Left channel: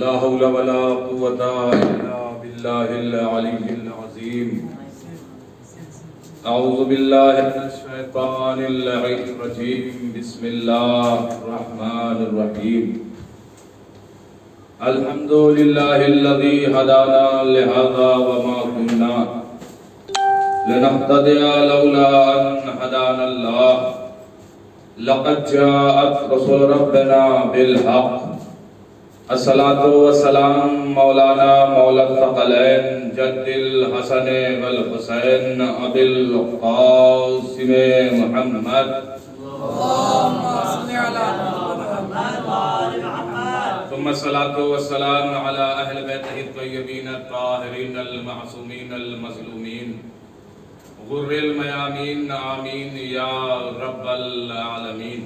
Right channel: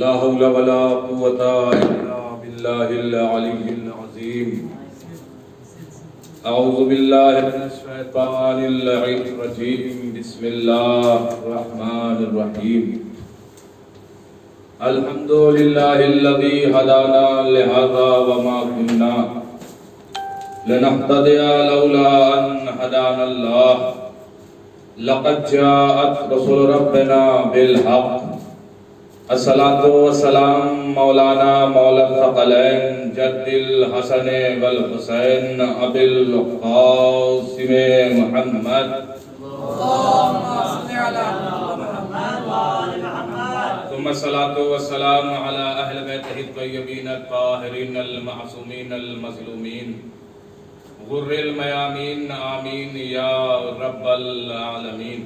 لا حول ولا قوة إلا بالله العلي العظيم. أعوذ بالله من الشيطان اللعين الرجيم. بسم الله الرحمن الرحيم. الحمد لله الذي هدانا لهذا وما كنا لنهتدي لولا أن هدانا الله. لقد جاءت رسل ربنا بالحق. الصلاة والسلام مولانا مولا الثقلين جد الحسن والحسين أبي القاسم محمد. اللهم صل على محمد وآل محمد. ثم الصلاة والسلام على أهل بيته الطيبين الطاهرين المعصومين المظلومين غر الميامين. آمين يا رب العالمين.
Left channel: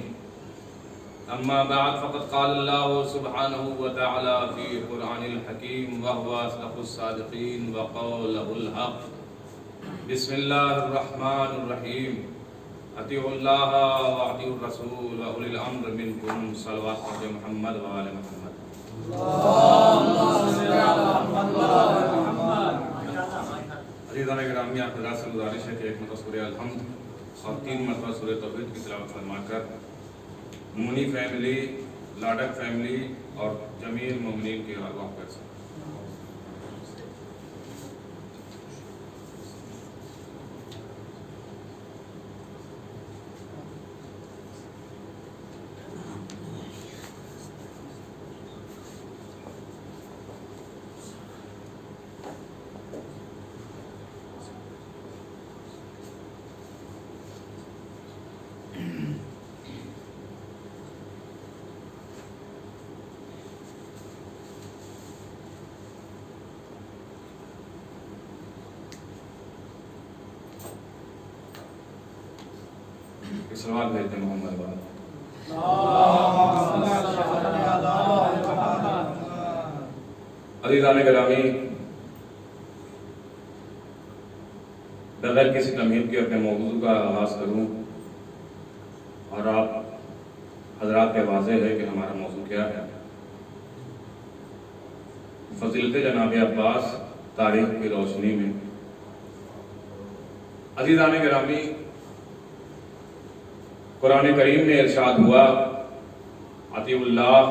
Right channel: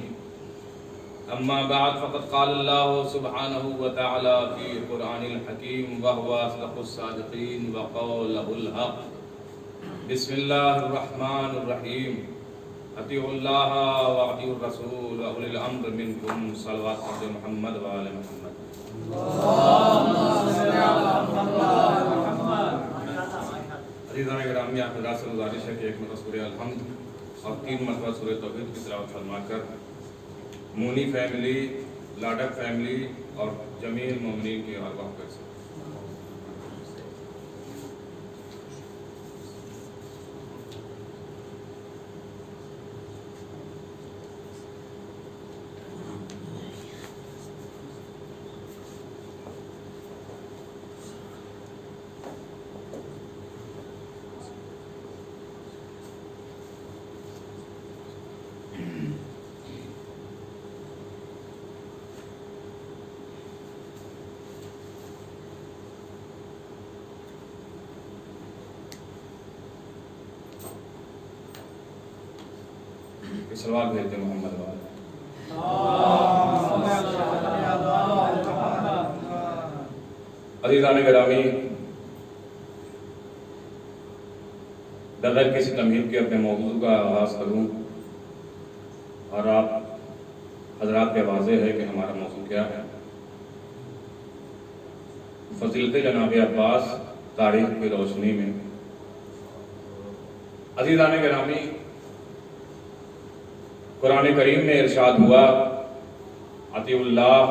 أما بعد فقد قال الله سبحانه وتعالى في القرآن الحكيم وهو أصدق الصادقين وقوله الحق. بسم الله الرحمن الرحيم. اطیعوا اللہ واطیعوا الرسول وأولی الأمر منکم. صلوات محمد وآل محمد. اللهم صل على محمد وآل محمد. عزیزان گرامی، آپ حضرات سے گزارش ہے کہ ایک مرتبہ سورہ الحمد اور 3 مرتبہ سورہ توحید کی تلاوت فرما کر مونی فیملی، لاڈک فیملی اور جمیع المومنین کی ارواح کر سکیں. سلوات بھیجتے ہیں محمد والے. عزیزان گرامی، بغیر کسی تمہید کے اپنے موضوع کا آغاز کروں اور آپ حضرات پہ واضح ہے کہ ہمارا موضوع کیا ہے. فضیلت جناب عباس تاریخ کی روشنی میں. عزیزان گرامی، قرآن کریم میں ارشاد ہوا اطیعوا اللہ،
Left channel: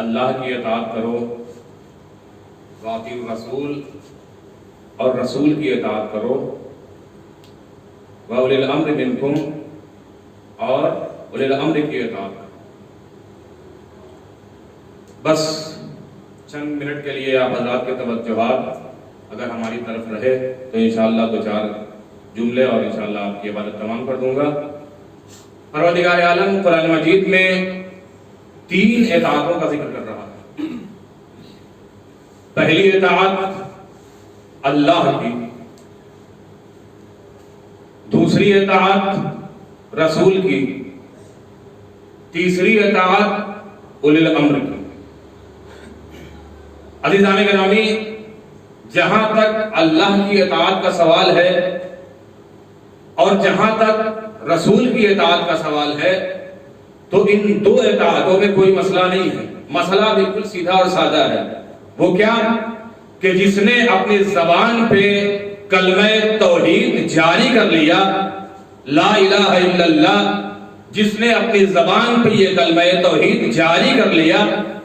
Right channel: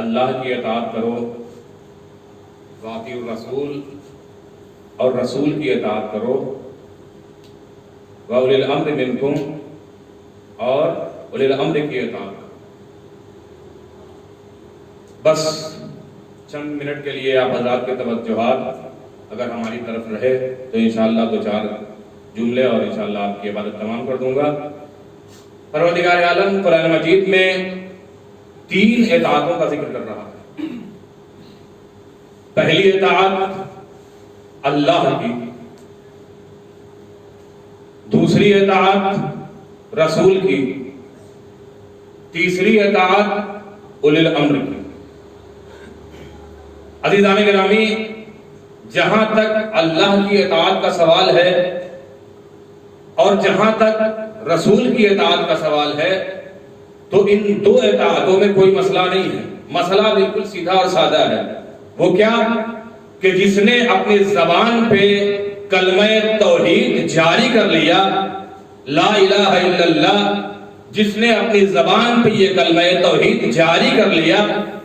اللہ کی اطاعت کرو، واطیعوا الرسول، اور رسول کی اطاعت کرو، واولی الامر منکم، اور اولی الامر کی اطاعت کرو. بس چند منٹ کے لیے آپ حضرات کے توجہات اگر ہماری طرف رہے تو انشاءاللہ 2-4 جملے اور انشاءاللہ آپ کی عبادت تمام کر دوں گا. پروردگار عالم قرآن مجید میں 3 اطاعتوں کا ذکر کر رہا ہے. پہلی اطاعت اللہ کی، دوسری اطاعت رسول کی، تیسری اطاعت اولی الامر کی. عزیزان گرامی، جہاں تک اللہ کی اطاعت کا سوال ہے اور جہاں تک رسول کی اطاعت کا سوال ہے تو ان 2 اطاعتوں میں کوئی مسئلہ نہیں ہے. مسئلہ بالکل سیدھا اور سادہ ہے. وہ کیا کہ جس نے اپنی زبان پہ کلمہ توحید جاری کر لیا، لا الہ الا اللہ، جس نے اپنی زبان پہ یہ کلمہ توحید جاری کر لیا،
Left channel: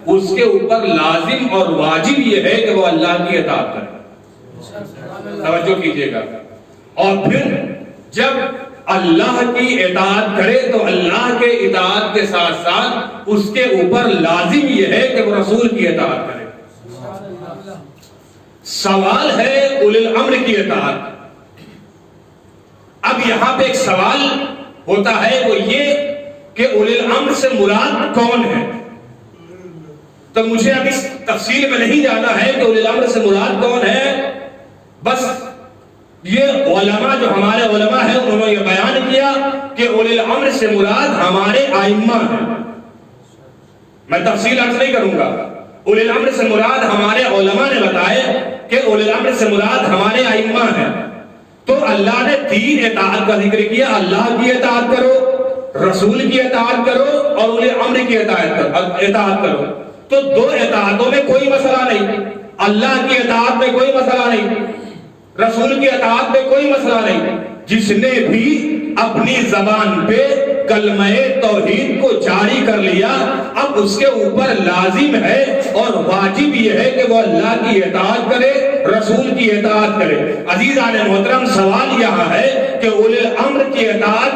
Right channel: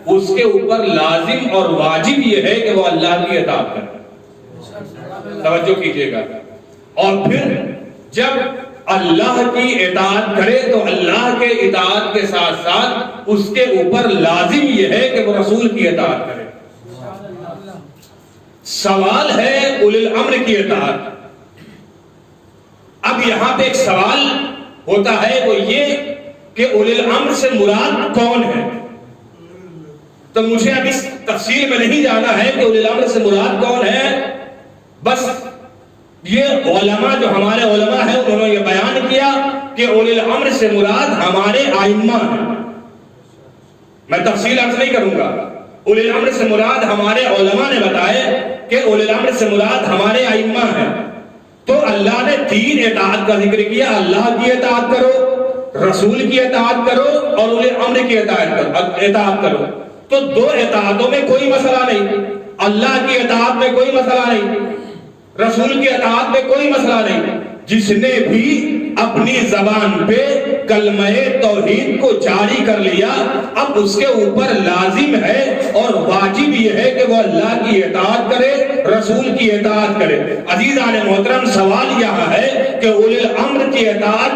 اس کے اوپر لازم اور واجب یہ ہے کہ وہ اللہ کی اطاعت کرے. توجہ کیجئے گا. اور پھر جب اللہ کی اطاعت کرے تو اللہ کے اطاعت کے ساتھ ساتھ اس کے اوپر لازم یہ ہے کہ وہ رسول کی اطاعت کرے. سوال ہے اولی الامر کی اطاعت. اب یہاں پہ ایک سوال ہوتا ہے، وہ یہ کہ اولی الامر سے مراد کون ہے. تو مجھے اب اس تفصیل میں نہیں جانا ہے کہ اولی الامر سے مراد کون ہے. بس یہ علماء جو ہمارے علماء ہیں انہوں نے یہ بیان کیا کہ اولی الامر سے مراد ہمارے ائمہ ہیں. میں تفصیل عرض نہیں کروں گا. اولی الامر سے مراد ہمارے علماء نے بتائے کہ اولی الامر سے مراد ہمارے ائمہ ہیں. تو اللہ نے 3 اطاعت کا ذکر کیا. اللہ کی اطاعت کرو، رسول کی اطاعت کرو اور اولی الامر کی اطاعت کرو. تو دو اطاعتوں میں کوئی مسئلہ نہیں، اللہ کی اطاعت میں کوئی مسئلہ نہیں، رسول کی اطاعت میں کوئی مسئلہ نہیں۔ جس نے بھی اپنی زبان پہ کلمہ توحید کو جاری کر لیا، اب اس کے اوپر لازم ہے اور واجب یہ ہے کہ وہ اللہ کی اطاعت کرے، رسول کی اطاعت کرے۔ عزیزان محترم، سوال یہاں ہے کہ اولی الامر کی اطاعت،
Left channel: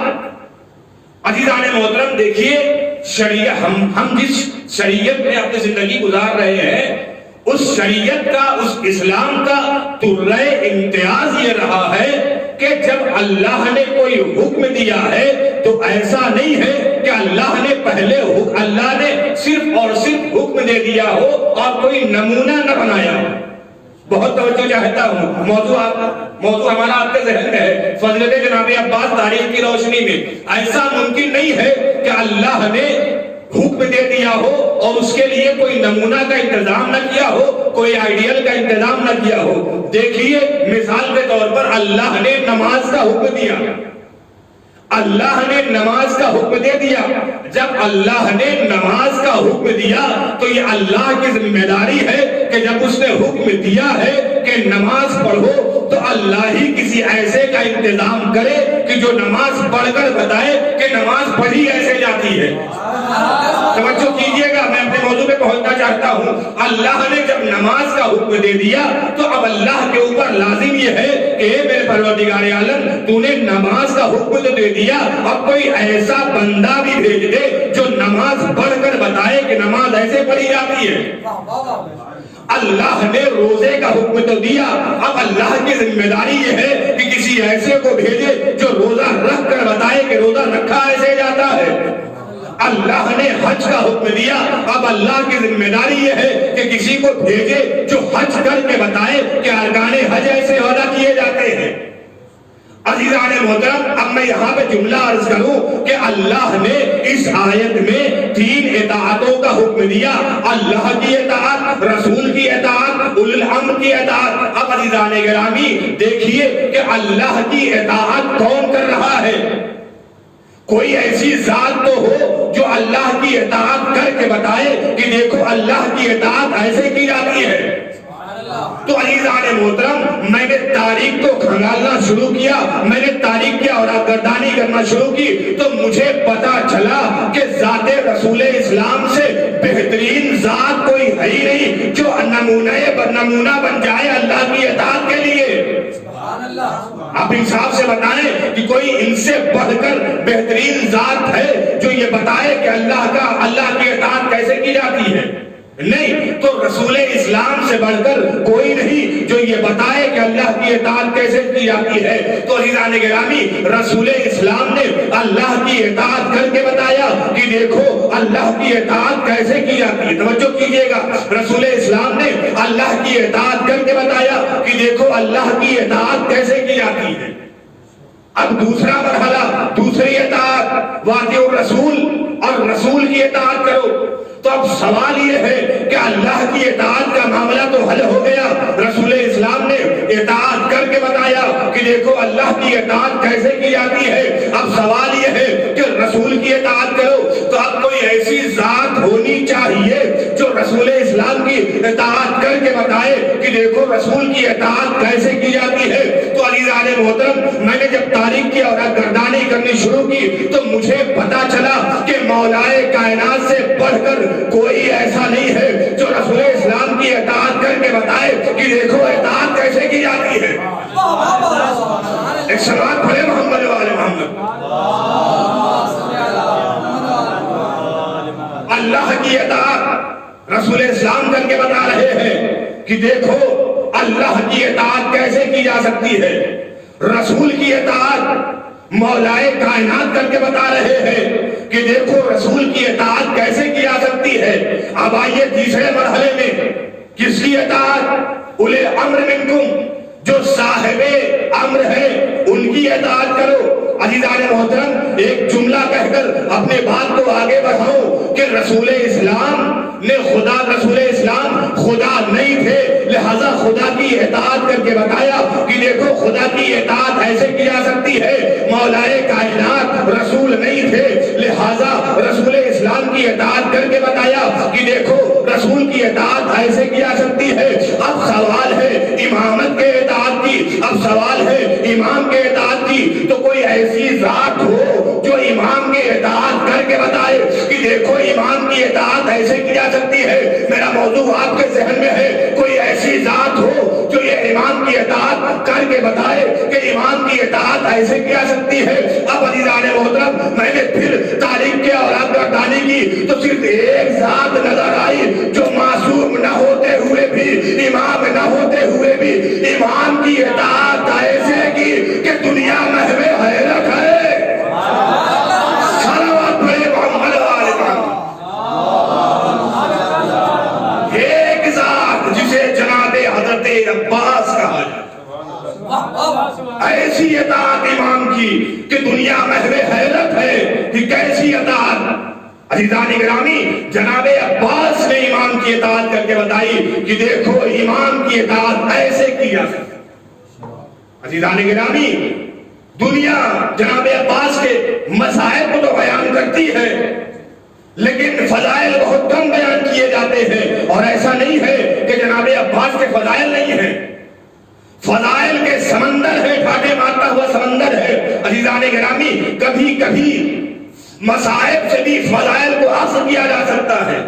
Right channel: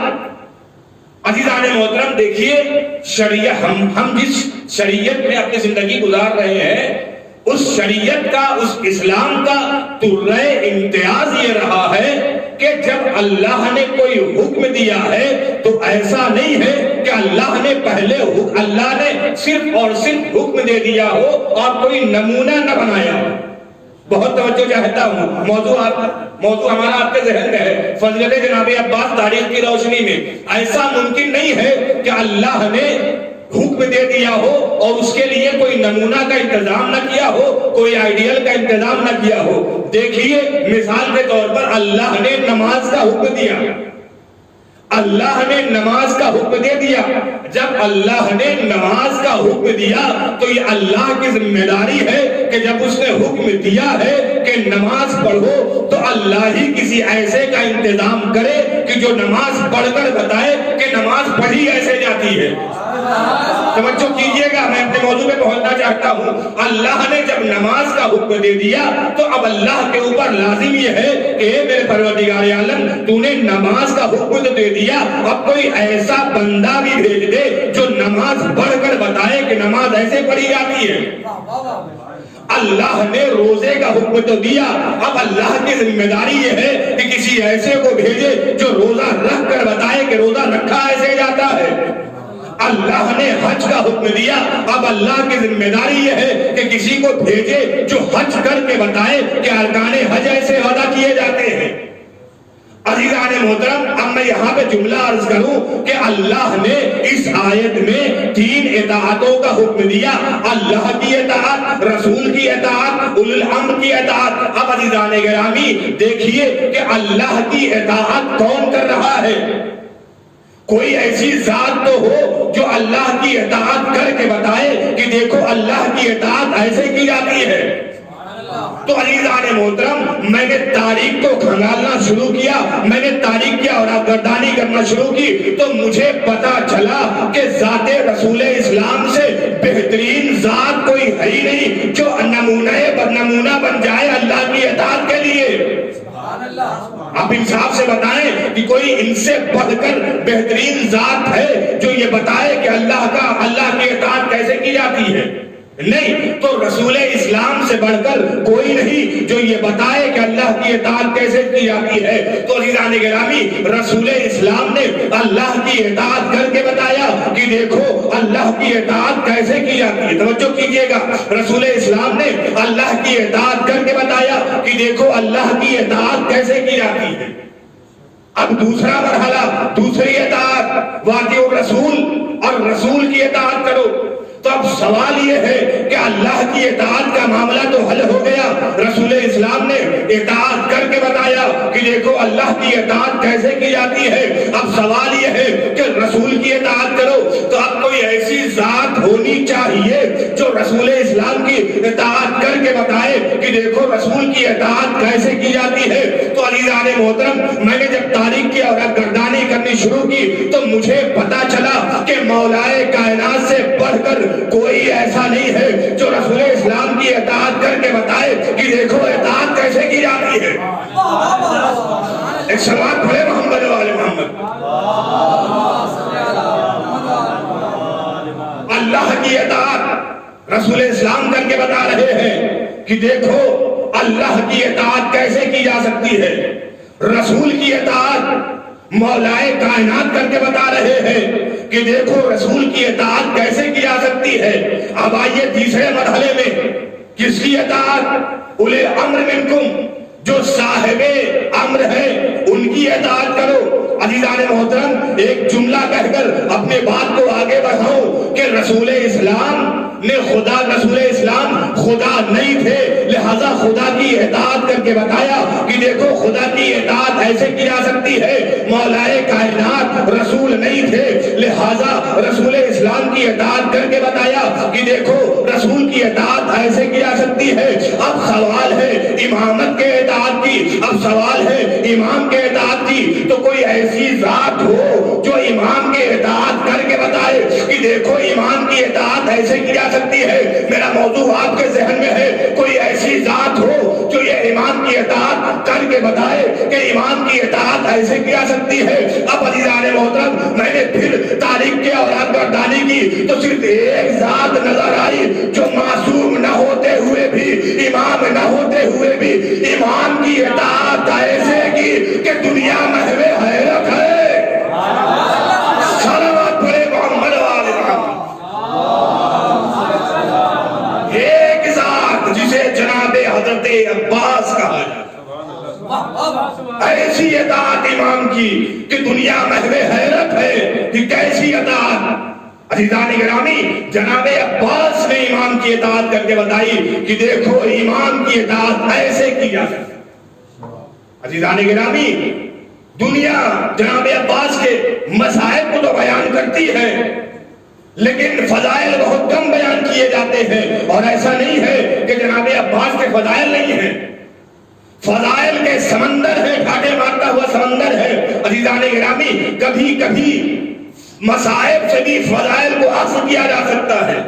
عزیزان محترم دیکھیے، شریعت ہم جس شریعت میں اپنی زندگی گزار رہے ہیں، اس شریعت کا، اس اسلام کا طرح امتیاز یہ رہا ہے کہ جب اللہ نے کوئی حکم دیا ہے تو ایسا نہیں ہے کہ اللہ نے اللہ نے صرف اور صرف حکم دے دیا ہو اور کوئی نمونہ نہ بنایا ہو۔ بہت توجہ چاہتا ہوں، موضوع ہمارا آپ کے ذہن میں ہے، فضیلت جناب عباس تاریخ کی روشنی میں ایسا ممکن نہیں ہے کہ اللہ نے حکم دے دیا ہو اور اس کے لیے کوئی نمونہ کا انتظام نہ کیا ہو، کوئی آئیڈیل کا انتظام نہ کیا ہو۔ دیکھیے مثال کے طور پر اللہ نے نماز کا حکم دیا، اللہ نے نماز کا حکم دے دیا۔ جب اللہ نے نماز کا حکم دیا تو یہ اللہ کی ذمہ داری ہے کہ جب اس نے حکم دیا ہے کہ نماز پڑھو تو اللہ ہی کسی ایسے کا انتظام کرے کہ جو نماز پڑھ کر بتائے کہ نماز پڑھی ایسے جاتی ہے۔ توجہ کیجئے گا، میں اپنے موضوع پہ پہنچنا چاہتا ہوں۔ اللہ نے جب نماز کا حکم دے دیا تو اب اللہ کے اوپر لازم یہ ہے کہ اے میرے پروردگار عالم، تو نے نماز کا حکم تو دے دیا، اب کوئی ایسا بندہ بھی بھیج دے جو نماز پڑھ کر بتائے کہ نماز ایسے پڑھی جاتی ہے۔ اللہ نے روزے کا حکم تو دیا، اب اللہ کی ذمہ داری یہ ہے کہ کسی ایسے کو بھیجے جو روزہ رکھ کر بتائے کہ روزہ رکھا ایسے جاتا ہے۔ اللہ نے حج کا حکم دیا، اب اللہ کی ذمہ داری یہ ہے کہ کسی کو بھیجے جو حج کر کے بتائے کہ ارکان حج ایسے ادا کیے جاتے ہیں۔ عزیزان محترم، اب میں یہاں پہ جملہ عرض کروں کہ اللہ نے اس آیت میں 3 اطاعتوں کا حکم دیا، اللہ کی اطاعت، رسول کی اطاعت، اولی الامر کی اطاعت۔ اب عزیزان گرامی دیکھیے کہ اللہ کی اطاعت کون کر رہا ہے؟ کوئی ایسی ذات تو ہو جو اللہ کی اطاعت کر کے بتائے کہ دیکھو اللہ کی اطاعت ایسے کی جاتی ہے۔ تو عزیزان محترم، میں نے تاریخ کو کھنگالنا شروع کیا، میں نے تاریخ کی اورگردانی کرنا شروع کی تو مجھے پتا چلا کہ ذات رسول اسلام سے بہترین ذات کوئی ہے ہی نہیں جو نمونہ بن جائے اللہ کی اطاعت کے لیے۔ آپ انصاف سے بتائیں کہ کوئی ان سے بڑھ کر بہترین ذات ہے جو یہ بتائے کہ اللہ کی اطاعت کیسے کی جاتی ہے؟ نہیں، تو رسول اسلام سے بڑھ کر کوئی نہیں جو یہ بتائے کہ اللہ کی اطاعت کیسے کی جاتی ہے۔ تو عزیزان گرامی، رسول اسلام نے اللہ کی اطاعت کر کے بتایا کہ دیکھو اللہ کی اطاعت کیسے کی جاتی ہے۔ توجہ کیجئے گا، رسول اسلام نے اللہ کی اطاعت کر کے بتایا کہ دیکھو اللہ کی اطاعت کیسے کی جاتی ہے۔ اب دوسرا مرحلہ، دوسری اطاعت، واطیعوا الرسول، اور رسول کی اطاعت کرو۔ تو اب سوال یہ ہے کہ اللہ کی اطاعت کا معاملہ تو حل ہو گیا، رسول اسلام نے اطاعت کر کے بتایا کہ دیکھو اللہ کی اطاعت کیسے کی جاتی ہے۔ اب سوال یہ ہے کہ رسول کی اطاعت کرو، تو اب کوئی ایسی ذات ہونی چاہیے جو رسول اسلام کی اطاعت کر کے بتائے کہ دیکھو رسول کی اطاعت کیسے کی جاتی ہے۔ تو عزیزان محترم، میں نے جب تاریخ کی اورگردانی کرنی شروع کی تو مجھے پتا چلا کہ مولائے کائنات سے بڑھ کر کوئی ایسا نہیں ہے جو رسول اسلام کی اطاعت کر کے بتائے کہ دیکھو اطاعت کیسے کی جاتی ہے۔ ایک سلوات پڑھے محمد والے محمد۔ اللہ کی اطاعت رسول اسلام کر کے بتا رہے ہیں کہ دیکھو اللہ کی اطاعت کیسے کی جا سکتی ہے۔ رسول کی اطاعت مولائے کائنات کر کے بتا رہے ہیں کہ دیکھو رسول کی اطاعت کیسے کی جا سکتی ہے۔ اب آئیے تیسرے مرحلے میں، کس کی اطاعت؟ اولی الامر منکم، جو صاحب امر ہے ان کی اطاعت کرو۔ عزیزان محترم، ایک جملہ کہہ کر اپنے بات کو آگے بڑھاؤں کہ رسول اسلام خدا نہیں تھے، لہذا خدا کی اطاعت کر کے بتایا کہ دیکھو خدا کی اطاعت ایسے کی جا سکتی ہے۔ مولائے کائنات رسول نہیں تھے، لہذا رسول اسلام کی اطاعت کر کے بتایا کہ دیکھو رسول امام کے اطاعت کی، تو کوئی ایسی ذات ہو جو امام کے اطاعت کر کے بتائے کہ دیکھو امام کی اطاعت ایسے کی جا سکتی ہے۔ میرا موضوع آپ کے ذہن میں ہے، کوئی ایسی ذات ہو جو یہ امام کی اطاعت کر کے بتائے کہ امام کی اطاعت ایسے کی جا سکتی ہے۔ اب عزیزان محترم، میں نے پھر تاریخ کے اور گردانی کی تو صرف ایک ذات نظر آئی جو معصوم نہ ہوتے ہوئے بھی، امام نہ ہوتے ہوئے بھی امام کی اطاعت ایسے کی کہ دنیا محو حیرت ہے۔ صلوات پڑھے محمد والے محمد۔ ایک ذات جسے جناب حضرت عباس کہا جاتا، ایسی اطاعت امام کی کہ دنیا محو حیرت ہے کہ کیسی اطاعت۔ عزیزان گرامی، جناب عباس نے امام کی اطاعت کر کے بتائی کہ دیکھو امام کی اطاعت ایسے کی جا سکتی۔ عزیزان گرامی، دنیا جناب عباس کے مسائل کو تو بیان کرتی ہے لیکن فضائل بہت کم بیان کیے جاتے ہیں، اور ایسا نہیں ہے کہ جناب عباس کے فضائل نہیں ہیں، فضائل کے سمندر ہے، ٹھاٹے مارتا ہوا سمندر ہے۔ عزیزان گرامی، کبھی کبھی مصائب سے بھی فضائل کو حاصل کیا جا سکتا ہے۔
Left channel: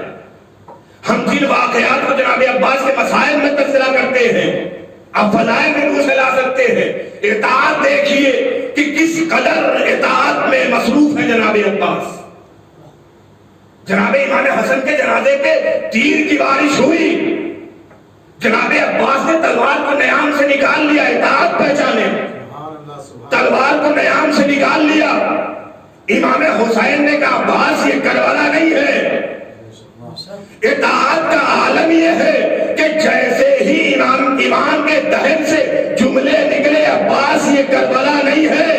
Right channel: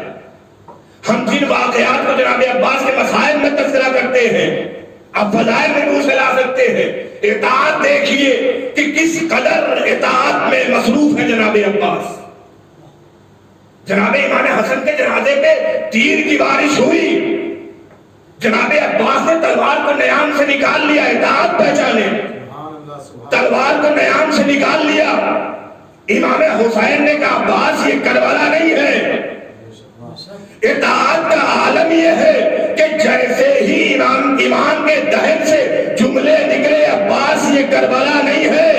ہم جن واقعات کو جناب عباس کے مصائب میں تذکرہ کرتے ہیں، اب فضائل میں منہ سے لا سکتے ہیں۔ اطاعت دیکھیے کہ کس قدر اطاعت میں مصروف ہے جناب عباس۔ جناب امام حسن کے جنازے پہ تیر کی بارش ہوئی، جناب عباس نے تلوار کو نیام سے نکال لیا، اطاعت پہچانے، تلوار کو نیام سے نکال لیا۔ امام حسین نے کہا عباس یہ کربلا نہیں ہے۔ اطاعت کا عالم یہ ہے کہ جیسے ہی امام کے دہن سے جملے نکلے عباس یہ کربلا نہیں ہے،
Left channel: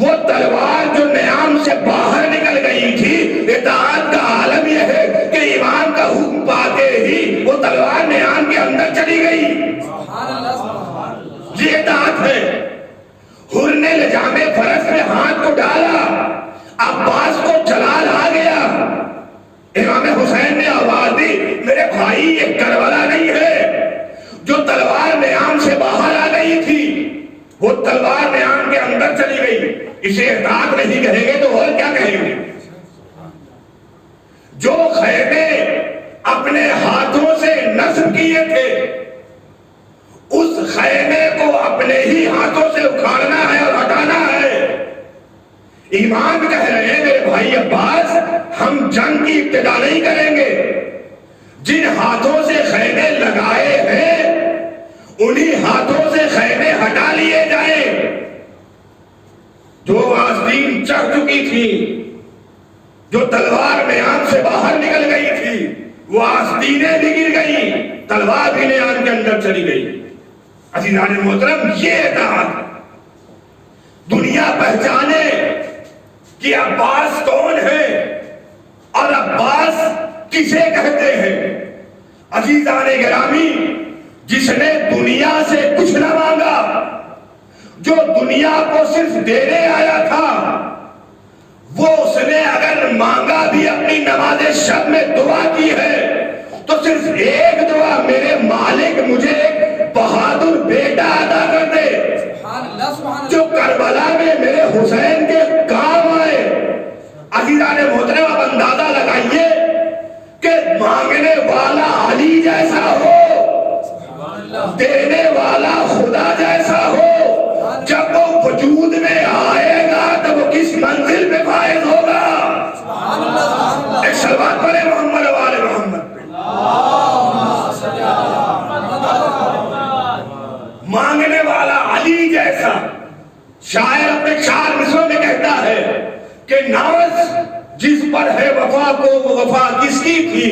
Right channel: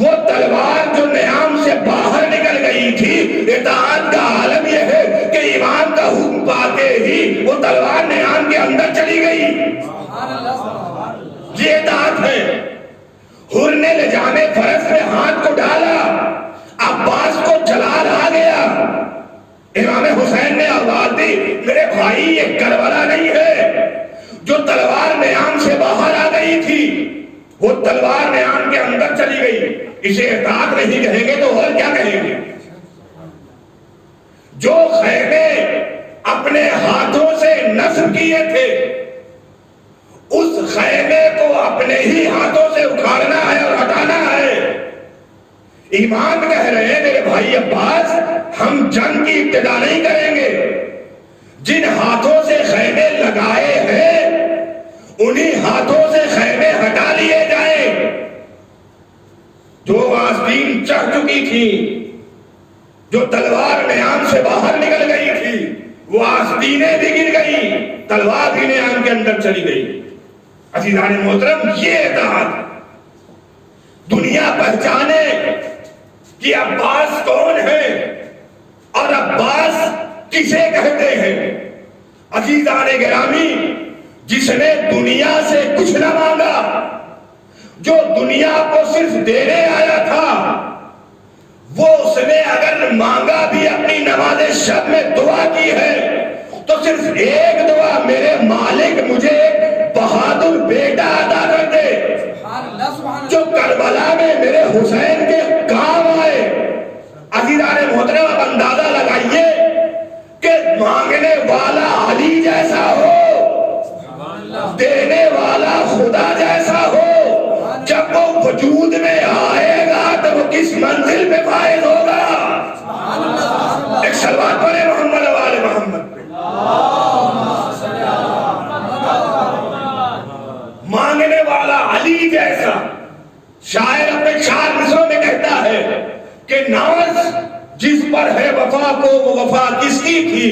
وہ تلوار جو نیام سے باہر نکل گئی تھی، اطاعت کا عالم یہ ہے کہ امام کا حکم پاتے ہی وہ تلوار نیام کے اندر چلی گئی۔ یہ اطاعت ہے۔ حر نے لجام فرس پہ ہاتھ کو ڈالا، عباس کو جلال آ گیا۔ امام حسین نے آواز دی میرے بھائی یہ کربلا نہیں ہے۔ جو تلوار نیام سے باہر آ گئی تھی وہ تلوار نیام کے اندر چلی گئی۔ اسے اطاعت نہیں کہیں گے تو اور کیا کہیں گے؟ جو خیمے اپنے ہاتھوں سے نصب کیے تھے اس خیمے کو اپنے ہی ہاتھوں سے اکھاڑنا ہے اور ہٹانا ہے۔ امام کہہ رہے ہیں میرے بھائی عباس ہم جنگ کی ابتدا نہیں کریں گے، جن ہاتھوں سے خیمے لگائے ہیں انہی ہاتھوں سے خیمے ہٹا لیے جائیں۔ جو آستین چڑھ چکی تھی، جو تلوار نیام سے باہر نکل گئی تھی، وہ آستینیں بھی گر گئی، تلوار بھی نیام کے اندر چلی گئی۔ عزیزان محترم، یہ اطاعت دنیا پہچانے کہ عباس کون ہے اور عباس کسے کہتے ہیں۔ عزیزان گرامی، جس نے دنیا سے کچھ نہ مانگا، جو دنیا کو صرف دینے آیا تھا، وہ اس نے اگر مانگا بھی اپنی نماز شب میں دعا کی ہے تو صرف ایک دعا، میرے مالک مجھے ایک بہادر بیٹا عطا کر دے جو کربلا میں میرے حسین کے کام آئے۔ عزیزان محترم، اب اندازہ لگائیے کہ مانگنے والا علی جیسا ہو، دینے والا خدا جیسا ہو، جب وہ وجود میں آئے گا تو وہ کس منزل میں فائز ہوگا؟ ایک صلوات پڑھے محمد والے محمد پہ۔ مانگنے والا علی جیسا۔ شاعر اپنے 4 مصروں میں کہتا ہے کہ ناز جس پر ہے وفا کو وہ وفا کس کی تھی،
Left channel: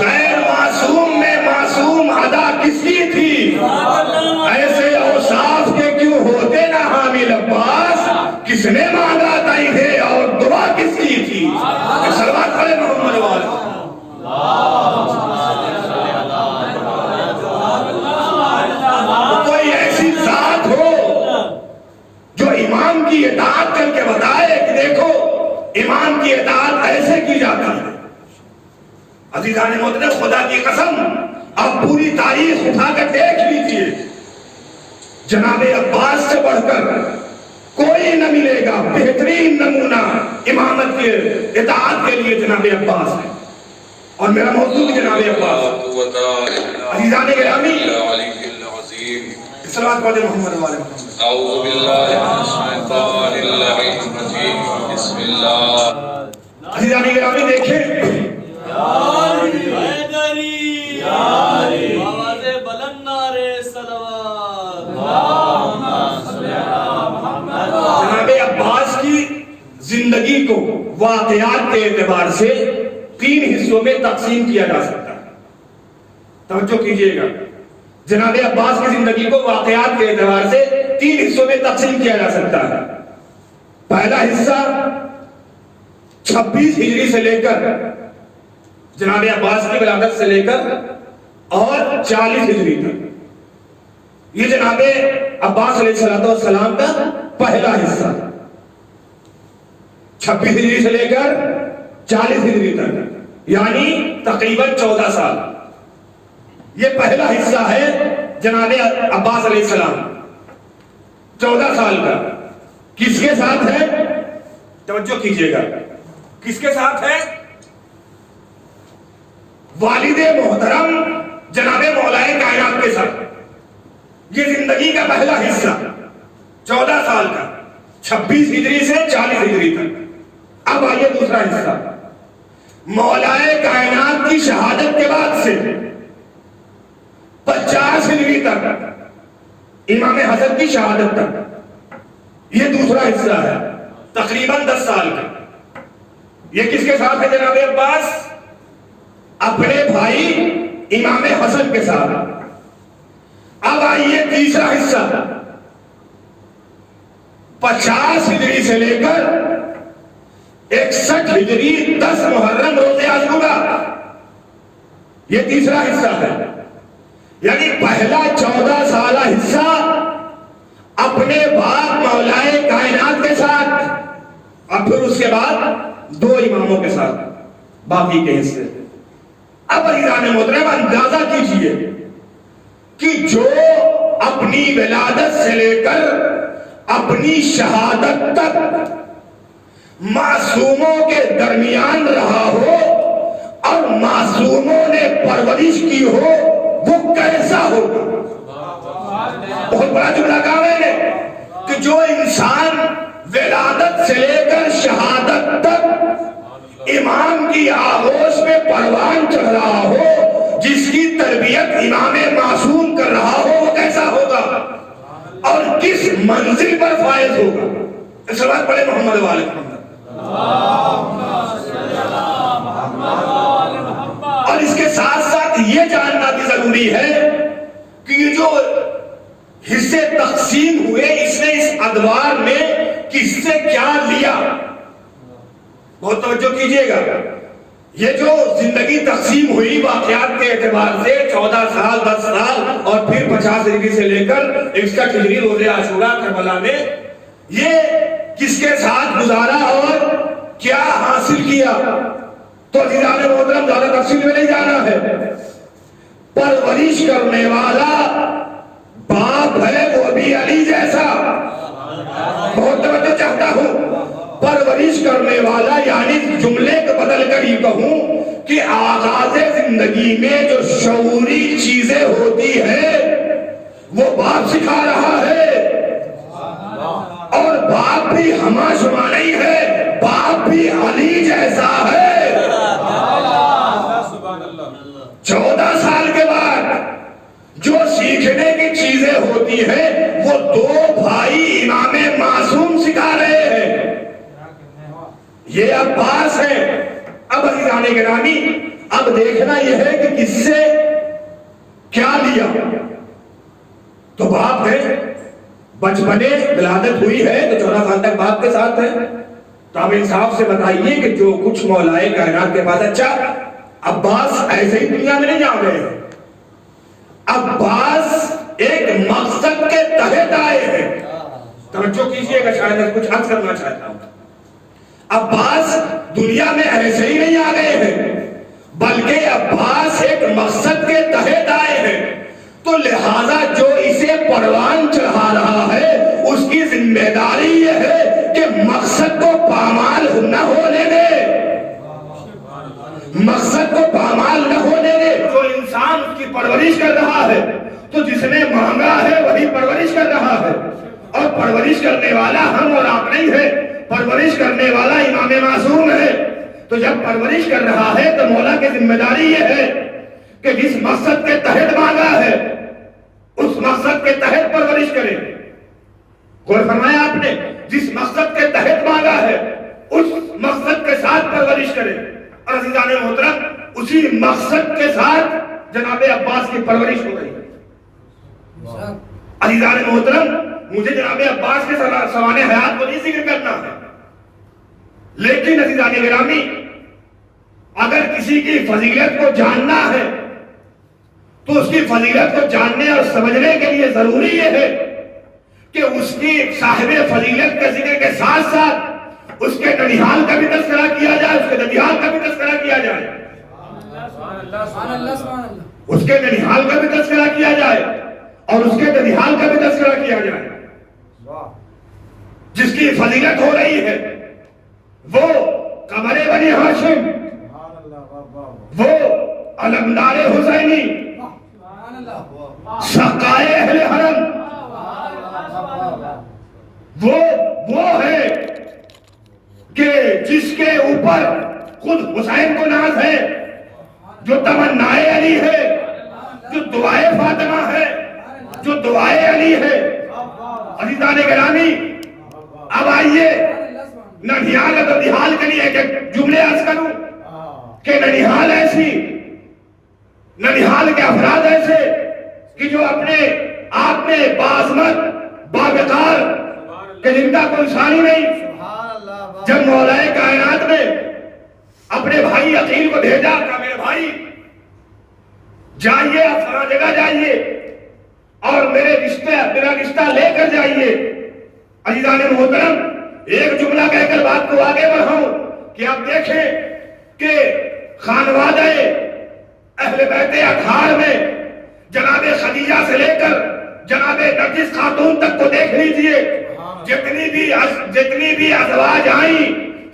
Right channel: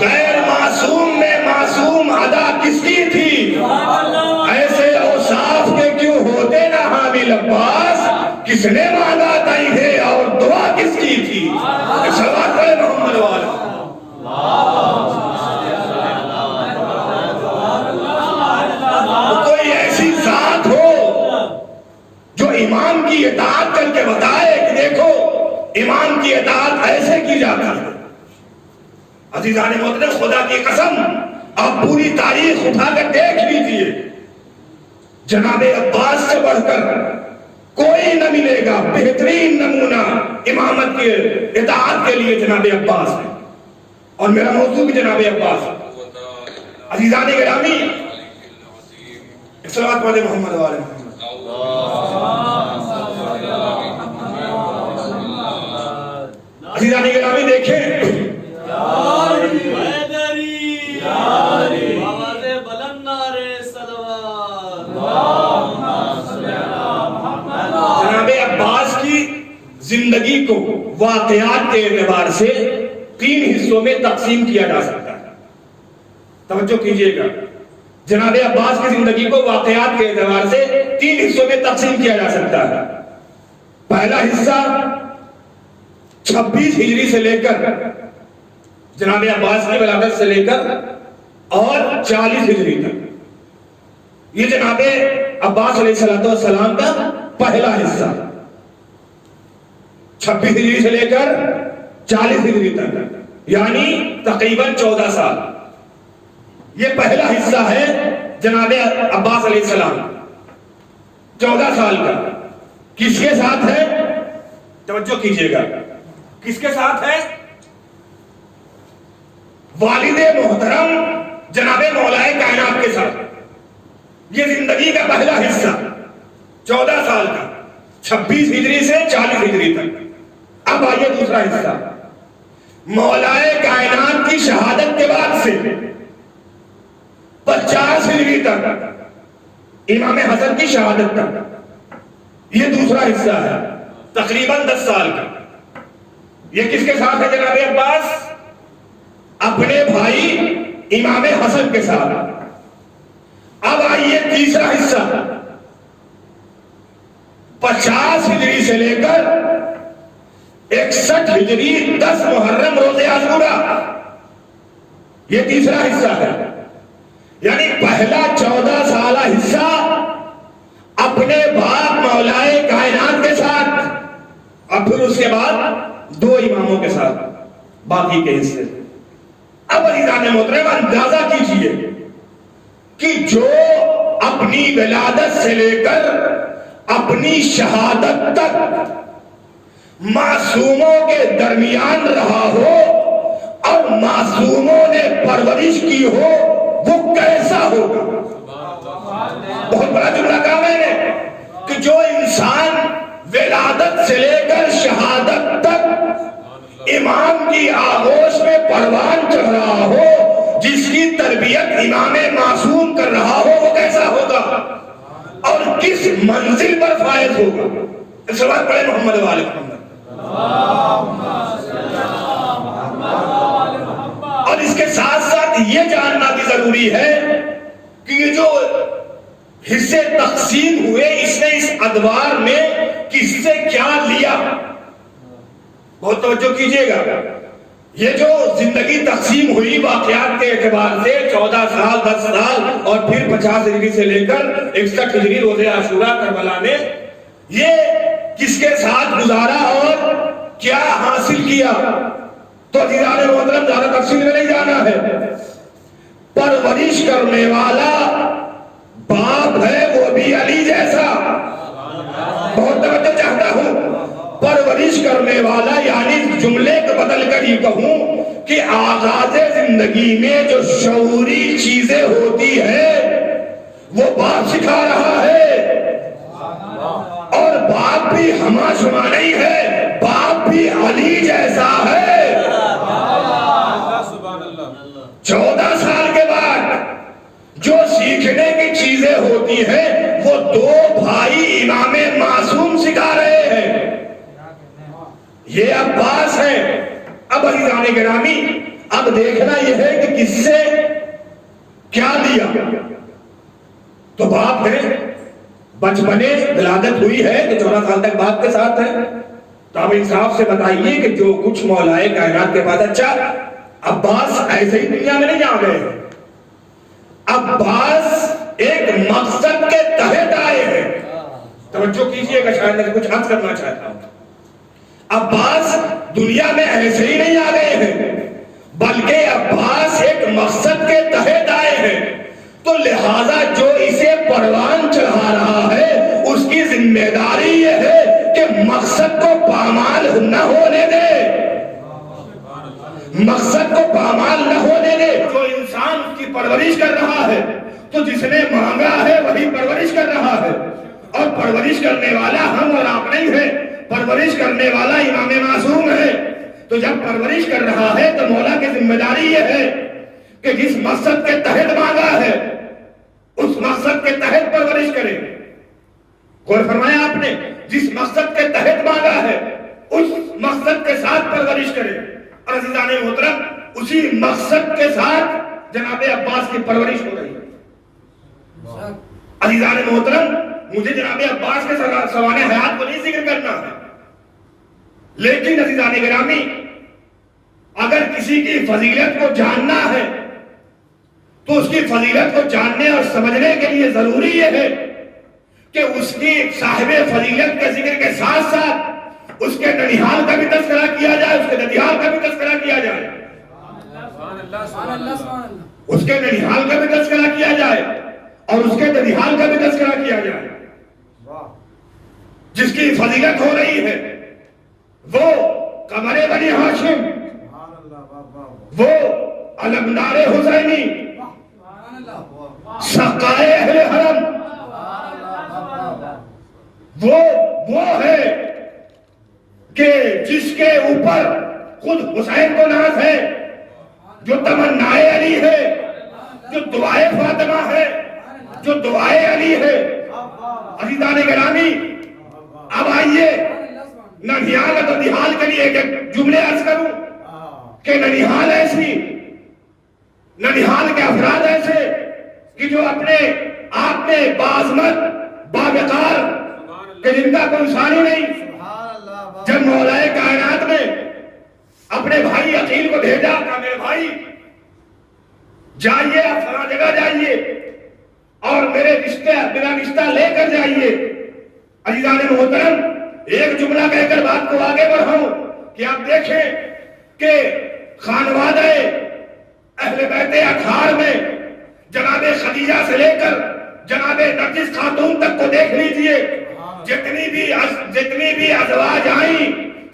غیر معصوم میں معصوم ادا کس کی تھی، ایسے اوصاف کے کیوں ہوتے نہ حامل عباس، کس نے مانگا تئی ہے اور دعا کس کی تھی؟ صلوات پڑھے محمد والا۔ کوئی ایسی ذات ہو جو امام کی اطاعت کر کے بتائے کہ دیکھو امام کی اطاعت ایسے کی جاتی ہے۔ عزیزان محترم، خدا کی قسم آپ پوری تاریخ اٹھا کر دیکھ لیجیے، جناب عباس سے بڑھ کر کوئی نہ ملے گا. بہترین نمونہ امامت کے اطاعت کے لیے جناب عباس ہے. اور میرا موضوع بھی جناب عباس. عزیزان گرامی، صلوات والے محمد والے محمد. اعوذ باللہ من الشیطان الرجیم. بسم اللہ. عزیزان گرامی دیکھیں، جناب عباس کی زندگی کو واقعات کے اعتبار سے 3 حصوں میں تقسیم کیا جا سکتا ہے. توجہ کیجئے گا، جناب عباس کی زندگی کو واقعات کے اعتبار سے 3 حصوں میں تقسیم کیا جا سکتا ہے. پہلا حصہ 26 ہجری سے لے کر جناب عباس کی ولادت سے لے کر اور 40 ہجری تک، یہ جناب عباس علیہ السلام کا پہلا حصہ. 26 ہجری سے لے کر 40 ہجری تک، یعنی تقریباً 14 سال. یہ پہلا حصہ ہے جناب عباس علیہ السلام، 14 سال کا. کس کے ساتھ ہے؟ توجہ کیجئے گا، کس کے ساتھ ہے؟ والد محترم جناب مولا کائنات کے ساتھ. یہ زندگی کا پہلا حصہ 14 سال کا، 26 ہجری سے 40 ہجری تک. اب آئیے دوسرا حصہ، مولا کائنات کی شہادت کے بعد سے 50 ہجری تک، امام حسن کی شہادت تک. یہ دوسرا حصہ ہے تقریباً 10 سال کا. یہ کس کے ساتھ ہے جناب عباس؟ اپنے بھائی امام حسن کے ساتھ. اب آئیے تیسرا حصہ، 50 ہجری سے لے کر 61 ہجری 10 محرم روز عاشورہ. یہ تیسرا حصہ ہے. یعنی پہلا 14 سالہ حصہ اپنے باپ مولا کائنات کے ساتھ، اور پھر اس کے بعد 2 اماموں کے ساتھ باقی کے حصے. اب عزیزان محترم اندازہ کیجئے کہ جو اپنی ولادت سے لے کر اپنی شہادت تک معصوموں کے درمیان رہا ہو اور معصوموں نے پرورش کی ہو، وہ کیسا ہوگا؟ بہت بڑا جملہ کہا میں نے کہ جو انسان ولادت سے لے کر شہادت تک امام کی آغوش میں پروان چڑھ رہا ہو، جس کی تربیت امام معصوم کر رہا ہو، وہ کیسا ہوگا اور کس منزل پر فائز ہوگا؟ صلوات پڑھیں محمد والے محمد. اور اس کے ساتھ ساتھ یہ جاننا بھی ضروری ہے کہ یہ جو حصے تقسیم ہوئے، اس نے اس ادوار میں کس سے کیا لیا. بہت توجہ کیجئے گا. یہ جو زندگی تقسیم ہوئی واقعات کے اعتبار سے 14 سال 10 سال اور پھر 50 ہجری سے لے کر 61 ہجری روز عاشورہ کربلا میں، یہ کس کے ساتھ گزارا اور کیا حاصل کیا؟ تو عزیزان محترم زیادہ تفصیل میں نہیں جانا ہے. پرورش کرنے والا باپ ہے وہ بھی علی جیسا. بہت توجہ چاہتا ہوں. پرورش کرنے والا یعنی جملے کو بدل کر ہی کہوں کہ آغاز زندگی میں جو شعوری چیزیں ہوتی ہیں وہ باپ سکھا رہا ہے. اور باپ بھی ہما شما نہیں ہے، باپ بھی علی جیسا ہے. 14 سال کے بعد جو سیکھنے کی چیزیں ہوتی ہیں وہ 2 بھائی امام معصوم سکھا رہے ہیں. یہ عباس ہے. اب عزیزان گرامی، اب دیکھنا یہ ہے کہ کس سے کیا لیا. تو باپ ہے، بچپنے ولادت ہوئی ہے تو 14 سال تک باپ کے ساتھ ہے. تو اب انصاف سے بتائیے کہ جو کچھ مولا کائنات کے پاس، اچھا عباس ایسے ہی دنیا میں نہیں جا گئے. عباس ایک مقصد کے تحت آئے ہیں. توجہ کیجئے گا، شاید میں کچھ عرض کرنا چاہتا ہوں. عباس دنیا میں ایسے ہی نہیں آ گئے ہیں، بلکہ عباس ایک مقصد کے تحت آئے ہیں. تو لہذا جو اسے پروان چڑھا رہا ہے اس کی ذمہ داری یہ ہے کہ مقصد کو پامال نہ ہونے دے، مقصد کو پامال نہ ہونے دے۔ جو انسان اس کی پرورش کر رہا ہے تو جس نے مانگا ہے وہی پرورش کر رہا ہے، اور پرورش کرنے والا ہم اور آپ نہیں ہے، پرورش کرنے والا امام معصوم ہے۔ تو جب پرورش کر رہا ہے تو مولا کی ذمہ داری یہ ہے کہ جس مقصد کے تحت مانگا ہے اس مقصد کے تحت پرورش کرے۔ غور فرمایا آپ نے، جس مقصد کے تحت مانگا ہے اس مقصد کے ساتھ پرورش کرے۔ اور عزیزان محترم، اسی مقصد کے ساتھ جناب عباس کی پرورش ہو رہی ہے۔ عزیزان محترم، مجھے جناب عباس کے سوانح حیات کو نہیں ذکر کرنا ہے، لیکن عزیزان گرامی، اگر کسی کی فضیلت کو جاننا ہے تو اس کی فضیلت کو جاننے اور سمجھنے کے لیے ضروری یہ ہے کہ اس کی صاحب فضیلت کے ذکر کے ساتھ ساتھ اس کے ننیحال کا بھی تذکرہ کیا جائے، اس کے ننیحال کا بھی تذکرہ کیا جائے، اس کے ننیحال کا بھی تذکرہ کیا جائے اور اس کے ننیحال کا بھی تذکرہ کیا جائے۔ جس کی فضیلت ہو رہی ہے وہ قمر بنی ہاشم، وہ علمدار حسینی، سقائے اہل حرم، وہ ہے کہ جس کے اوپر خود حسین کو ناز ہے، جو تمنائے علی ہے، جو دعائے فاطمہ ہے، جو دعائے علی ہے۔ عزیزان گرامی، اب آئیے ننیحال اور ننیحال کے لیے ایک جملے عرض کروں کہ ننیحال ایسی، ننیحال کے افراد ایسے کہ جو اپنے آپ میں باعظمت باوقار کہ جن کا کوئی ثانی نہیں۔ جب مولا کائنات میں اپنے بھائی عقیل کو بھیجا کہ میرے بھائی جائیے، آپ فلاں جگہ جائیے اور میرا رشتہ لے کر جائیے۔ عزیزان محترم، ایک جملہ کہہ کر بات کو آگے بڑھاؤں کہ آپ دیکھیں کہ خانوادہ اہل بیت اطہار میں جناب خدیجہ سے لے کر جناب نرگس خاتون تک کو دیکھ لیجئے، جتنی بھی ازواج آئیں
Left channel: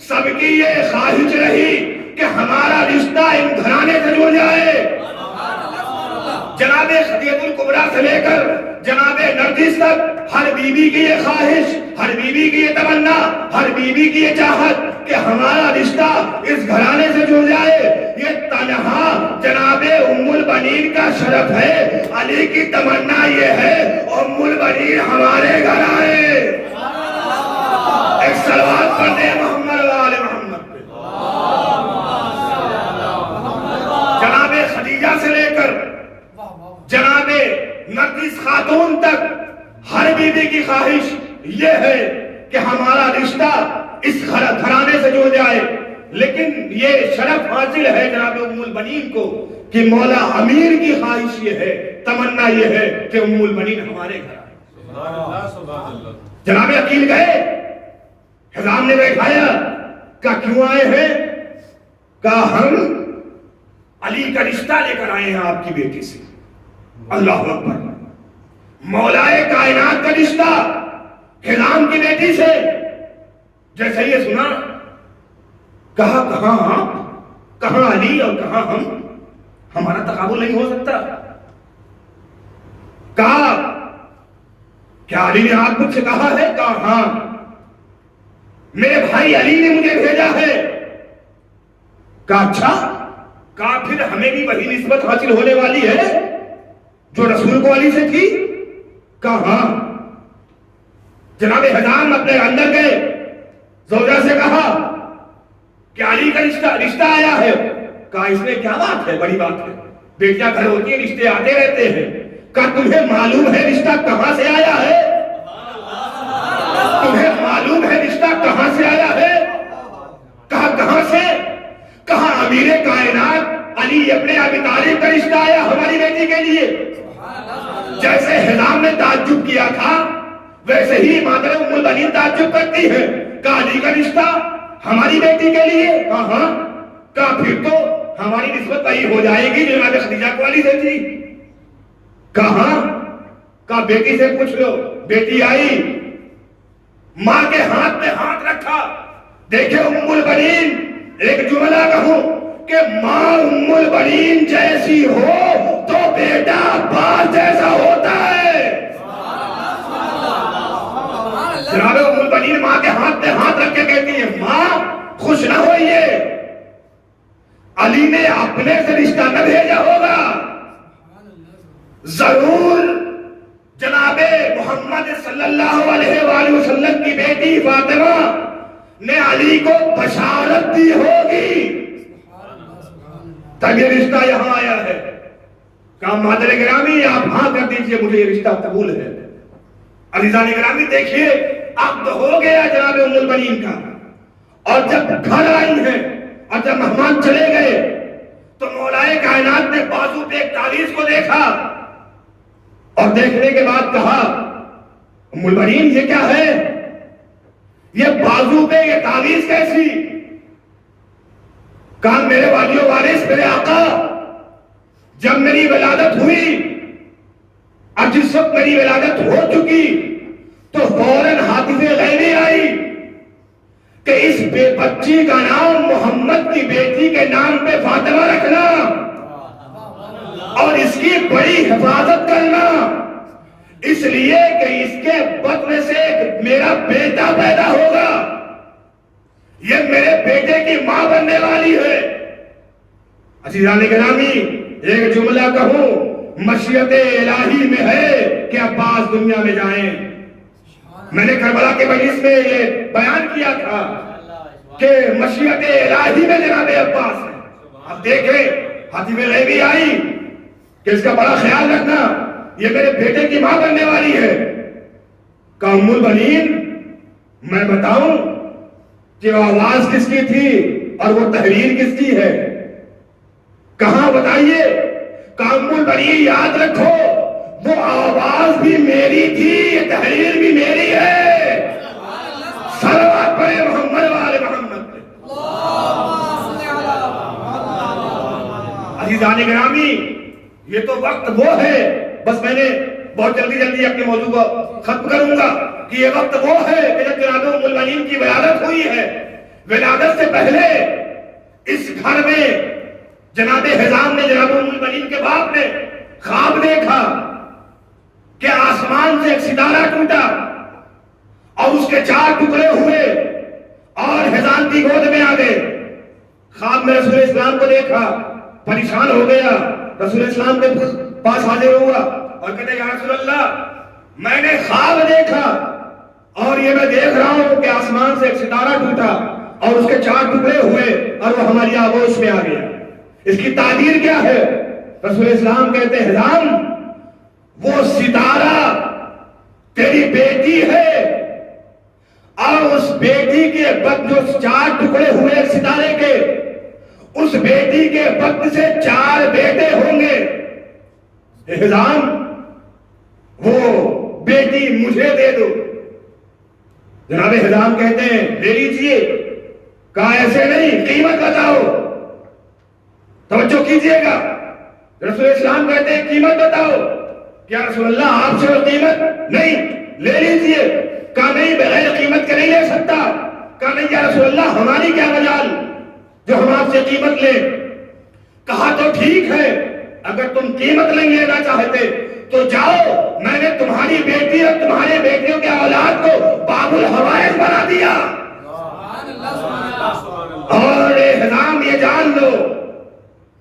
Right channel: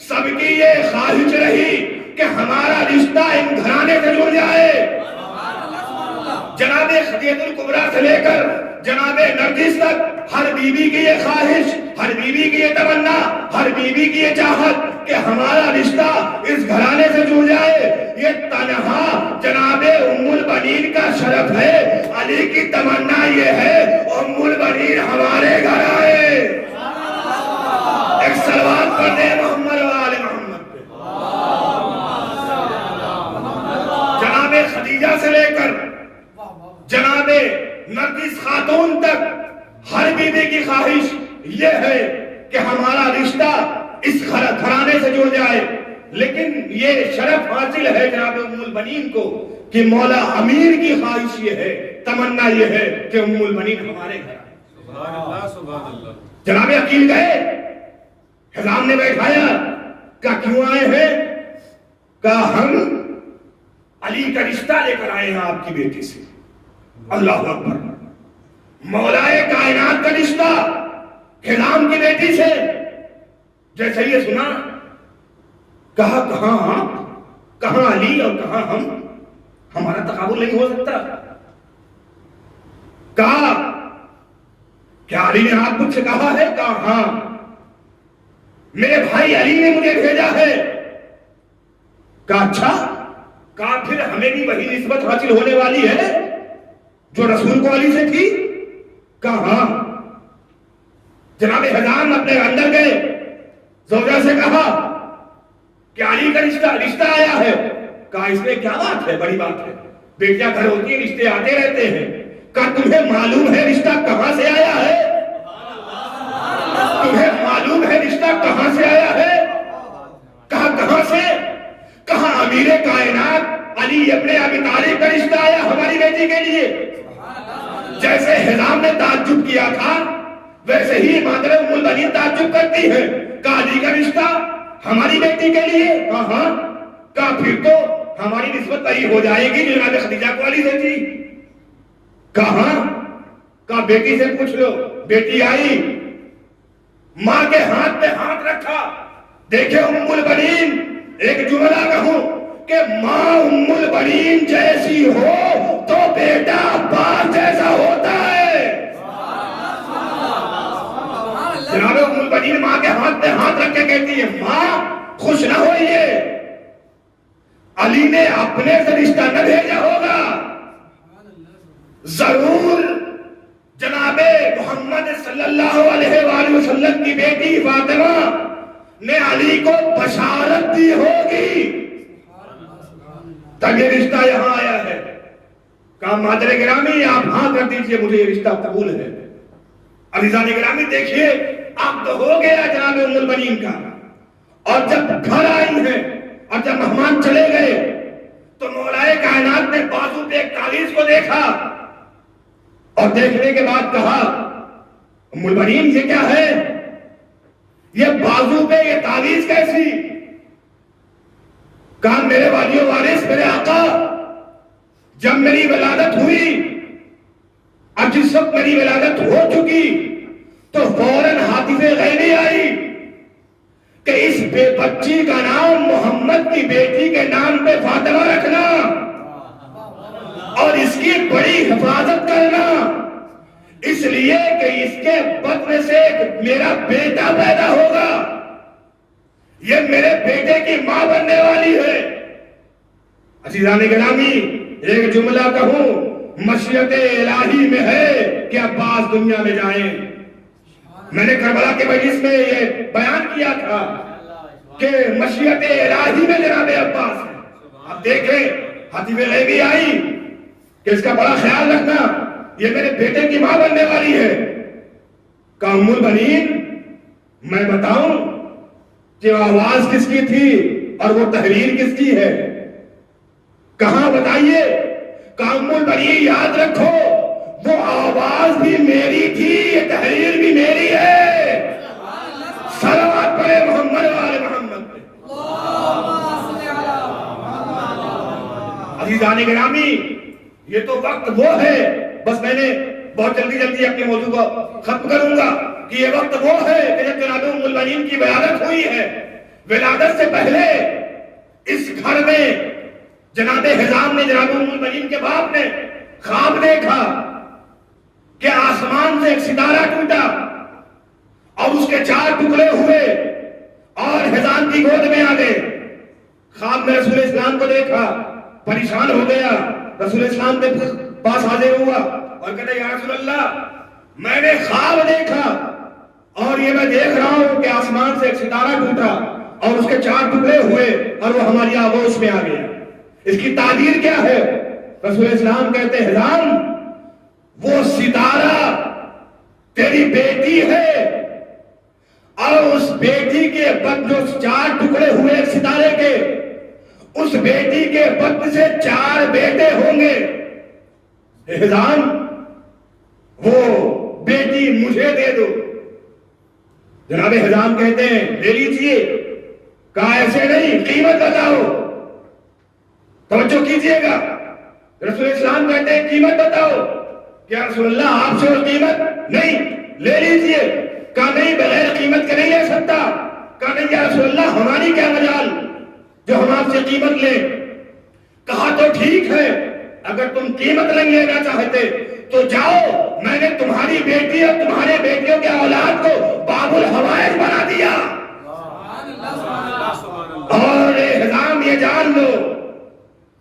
سب کی یہ خواہش رہی کہ ہمارا رشتہ ان گھرانے سے جڑ جائے۔ جناب خدیجہ الکبریٰ سے لے کر جناب نرگس تک ہر بیوی کی یہ خواہش، ہر بیوی کی یہ تمنا، ہر بیوی کی یہ چاہت کہ ہمارا رشتہ اس گھرانے سے جڑ جائے۔ یہ تنہا جناب ام البنین کا شرف ہے، علی کی تمنا یہ ہے ام البنین ہمارے گھر آئے۔ ایک صلوات پڑھ دیں محمد و آل محمد پہ۔ جناب خدیجہ سے لے کر جناب نرگس خاتون تک ہر بیوی کی خواہش یہ ہے کہ ہمارا رشتہ اس گھرانے سے جڑ جائے، لیکن یہ شرف حاصل ہے جناب ام البنین کو کہ مولا امیر کی خواہش یہ ہے، تمنا یہ ہے کہ ام البنین ہمارے گھر آئے۔ جناب عقیل گئے، حضام نے بیٹھایا، کہا کیوں آئے ہیں؟ کہا ہم علی کا رشتہ لے کر آئے ہیں آپ کی بیٹی سے۔ اللہ اکبر، مولا کائنات کا رشتہ حضام کی بیٹی سے۔ جیسے یہ سنا، کہا کہاں آپ، کہاں علی اور کہاں ہم، ہمارا تقابل نہیں ہو سکتا۔ کہا کیا علی نے آپ مجھ سے کہا ہے؟ کہا ہاں، میرے بھائی علی نے مجھے بھیجا ہے۔ کہا اچھا، کہا پھر ہمیں بھی وہی نسبت حاصل ہونے والی ہے جو رسول کو علی سے تھی؟ کہا ہاں۔ جناب حضام اپنے اندر گئے، زوجہ سے کہا کہ علی کا رشتہ آیا ہے۔ کہا اس میں کیا بات ہے، بڑی بات ہے، بیٹیاں گھر ہوتی ہیں، رشتے آتے رہتے ہیں۔ کہا تمہیں معلوم ہے رشتہ کہاں سے آیا ہے؟ تمہیں معلوم ہے رشتہ کہاں سے آیا ہے؟ کہا کہاں سے؟ کہا امیر کائنات علی ابن ابی طالب کا رشتہ آیا ہماری بیٹی کے لیے۔ جیسے حضام نے تعجب کیا تھا ویسے ہی مادر ام البنین تعجب کرتی ہے۔ کہا علی کا رشتہ ہماری بیٹی کے لیے؟ کہا ہاں۔ کہا پھر تو ہماری نسبت وہی ہو جائے گی جو جناب خدیجہ کو علی سے تھی۔ کہاں؟ کہا بیٹی سے پوچھ لو. بیٹی آئی, ماں کے ہاتھ پہ ہاتھ رکھا. دیکھے ام البنین, ایک جملہ کہوں کہ ماں ام البنین جیسی ہو تو بیٹا عباس جیسا ہوتا ہے. جناب ام البنین ماں کے ہاتھ پہ ہاتھ رکھ کے کہتی ہے, ماں خوش نہ ہوئیے, علی نے اپنے سے رشتہ نہ بھیجا ہوگا, ضرور جناب محمد صلی اللہ علیہ وآلہ وسلم کی بیٹی فاطمہ نے علی کو بشارت دی ہوگی, تب یہ رشتہ یہاں آیا ہے. کہا مادر گرامی آپ ہاں کر دیجئے, مجھے یہ رشتہ قبول ہے. عزیزان گرامی دیکھیے, اب تو ہو گیا جناب ام البنین کا. اور جب گھر آئی ہیں اور جب مہمان چلے گئے تو مولائے کائنات نے بازو پہ ایک تعویذ کو دیکھا اور دیکھنے کے بعد کہا, ام البنین یہ کیا ہے, یہ بازو پہ یہ تعویذ کیسی؟ کہا میرے والی و وارث, میرے آقا, جب میری ولادت ہوئی اور جس وقت میری ولادت ہو چکی تو فوراً حادث غیبی آئی کہ اس بچی کا نام محمد کی بیٹی کے نام پہ فاطمہ رکھنا اور اس کی بڑی حفاظت کرنا, اس لیے کہ اس کے بطن سے ایک میرا بیٹا پیدا ہوگا, یہ میرے بیٹے کی ماں بننے والی ہے. عزیزان گرامی ایک جملہ کہوں, مشیت الہی میں ہے کہ عباس دنیا میں جائیں. میں نے کربلا کے مجلس میں یہ بیان کیا تھا کہ مشیت الہی میں جناب عباس ہے. اب دیکھیں حادثہ غیبی آئی کہ اس کا بڑا خیال رکھنا, یہ میرے بیٹے کی ماں بننے والی ہے. کہا ام البنین میں بتاؤں کہ وہ آواز کس کی تھی اور وہ تحریر کس کی ہے؟ کہاں بتائیے؟ کہا ام البنین یاد رکھو وہ آواز بھی میری تھی, یہ تحریر بھی میری ہے. صلوات پڑھے محمد والے محمد پہ. عزیزان گرامی یہ تو وقت وہ ہے, بس میں نے بہت جلدی اپنے موضوع کو ختم کروں گا کہ یہ وقت وہ ہے کہ جب جناب ام البنین کی ولادت ہوئی ہے. ولادت سے پہلے اس گھر میں جناب حزام نے, جناب ام البنین کے باپ نے خواب دیکھا کہ آسمان سے ایک ستارہ ٹوٹا اور اس کے 4 ٹکڑے ہوئے اور حزام کی گود میں آ گئے. خواب میں رسول اسلام کو دیکھا, پریشان ہو گیا, رسول اسلام کے پاس حاضر ہوا اور کہتے یا رسول اللہ میں نے خواب دیکھا اور یہ میں دیکھ رہا ہوں کہ آسمان سے ایک ستارہ ٹوٹا اور اس کے 4 ٹکڑے ہوئے اور وہ ہماری آغوش میں آ گیا, اس کی تعبیر کیا ہے؟ رسول اسلام کہتے ہیں حزام وہ ستارہ تیری بیٹی ہے اور اس بیٹی کے بدن جو 4 ٹکڑے ہوئے ستارے کے, اس بیٹی کے بدن سے 4 بیٹے ہوں گے. حزام وہ بیٹی مجھے دے دو. جناب حزام کہتے ہیں لے لیجئے. کہا ایسے نہیں, قیمت بتاؤ. توجہ کیجئے گا, رسول اسلام کہتے ہیں قیمت بتاؤ. کیا رسول اللہ آپ سے وہ قیمت نہیں, لے لیجئے. کہا نہیں بغیر قیمت کے نہیں لے سکتا. کہا نہیں یا رسول اللہ ہماری کیا مجال جو ہم آپ سے قیمت لیں. کہا تو ٹھیک ہے, اگر تم قیمت نہیں لینا چاہتے تو جاؤ, میں نے تمہاری بیٹی اور تمہارے بیٹیوں کے اولاد کو باب الحوائج بنا دیا. اور حزام یہ جان لو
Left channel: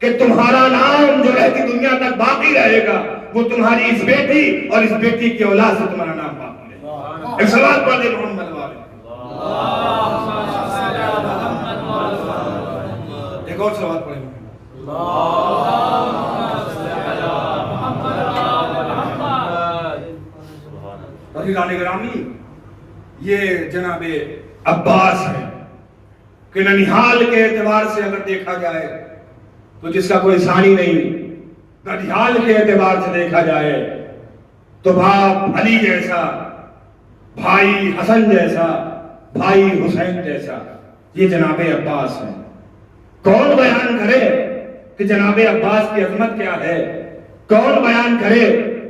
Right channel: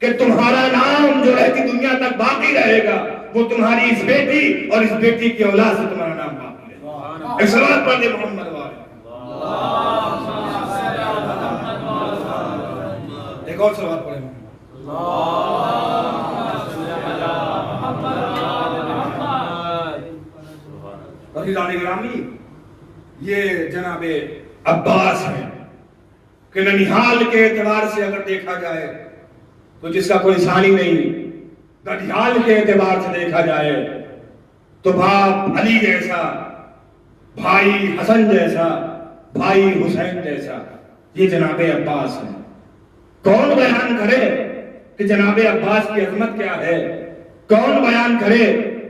کہ تمہارا نام جو رہتی دنیا تک باقی رہے گا وہ تمہاری اس بیٹی اور اس بیٹی کی اولاد سے تمہارا نام باقی رہے گا. ایک صلوات پڑھ دے محمد والے. ایک اور صلوات پڑھیں. عزیزان گرامی یہ جناب عباس ہے کہ ننیحال کے اعتبار سے اگر دیکھا جائے تو جس کا کوئی ثانی نہیں. ننیحال کے اعتبار سے دیکھا جائے تو باپ علی جیسا, بھائی حسن جیسا, بھائی حسین جیسا یہ جناب عباس ہے. کون بیان کرے کہ جناب عباس کی عظمت کیا ہے؟ کون بیان کرے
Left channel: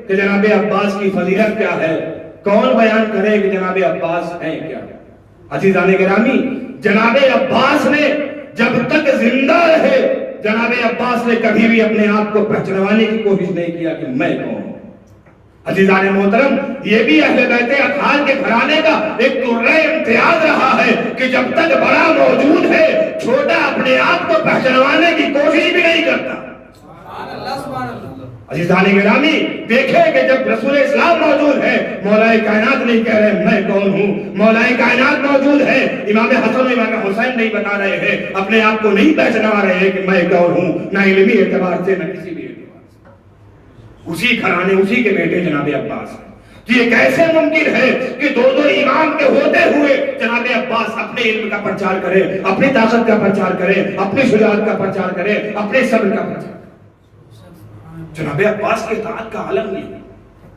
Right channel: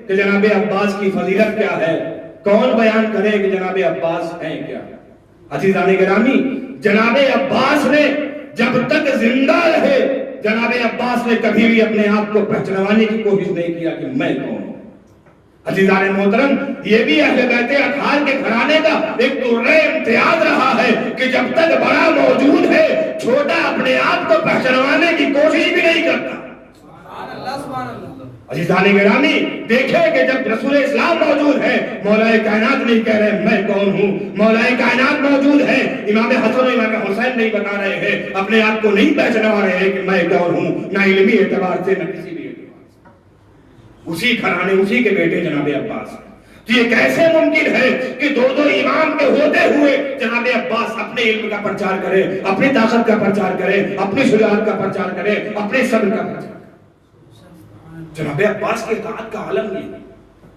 کہ جناب عباس کی فضیلت کیا ہے؟ کون بیان کرے کہ جناب عباس ہیں کیا؟ عزیزان گرامی، جناب عباس نے جب تک زندہ رہے، جناب عباس نے کبھی بھی اپنے آپ کو پہچانوانے کی کوشش نہیں کیا کہ میں کون ہوں۔ عزیزان محترم، یہ بھی اہل بیت اطہار کے گھرانے کا ایک درہ امتیاز رہا ہے کہ جب تک بڑا موجود ہے، چھوٹا اپنے آپ کو پہچانوانے کی کوشش بھی نہیں کرتا۔ سبحان اللہ، سبحان اللہ۔ عزیزان گرامی، دیکھیں کہ جب رسول اسلام موجود ہے، مولا کائنات نہیں کہہ رہے میں کون ہوں، مولا کائنات موجود ہے، امام حسن و امام حسین نہیں بتا رہے ہیں، اپنے آپ کو نہیں پہچانوا رہے ہیں کہ میں کون ہوں، نہ علمی اعتبار سے نہ کسی بھی اعتبار سے۔ اسی گھرانے، اسی کے بیٹے جناب عباس ہیں۔ تو یہ کیسے ممکن ہے کہ دو امام کے ہوتے ہوئے جناب عباس اپنے علم کا پرچار کرے، اپنی طاقت کا پرچار کرے، اپنی شجاعت کا پرچار کرے، اپنے صبر کا پرچار کرے؟ جناب عباس کے اطاعت کا عالم یہ ہے۔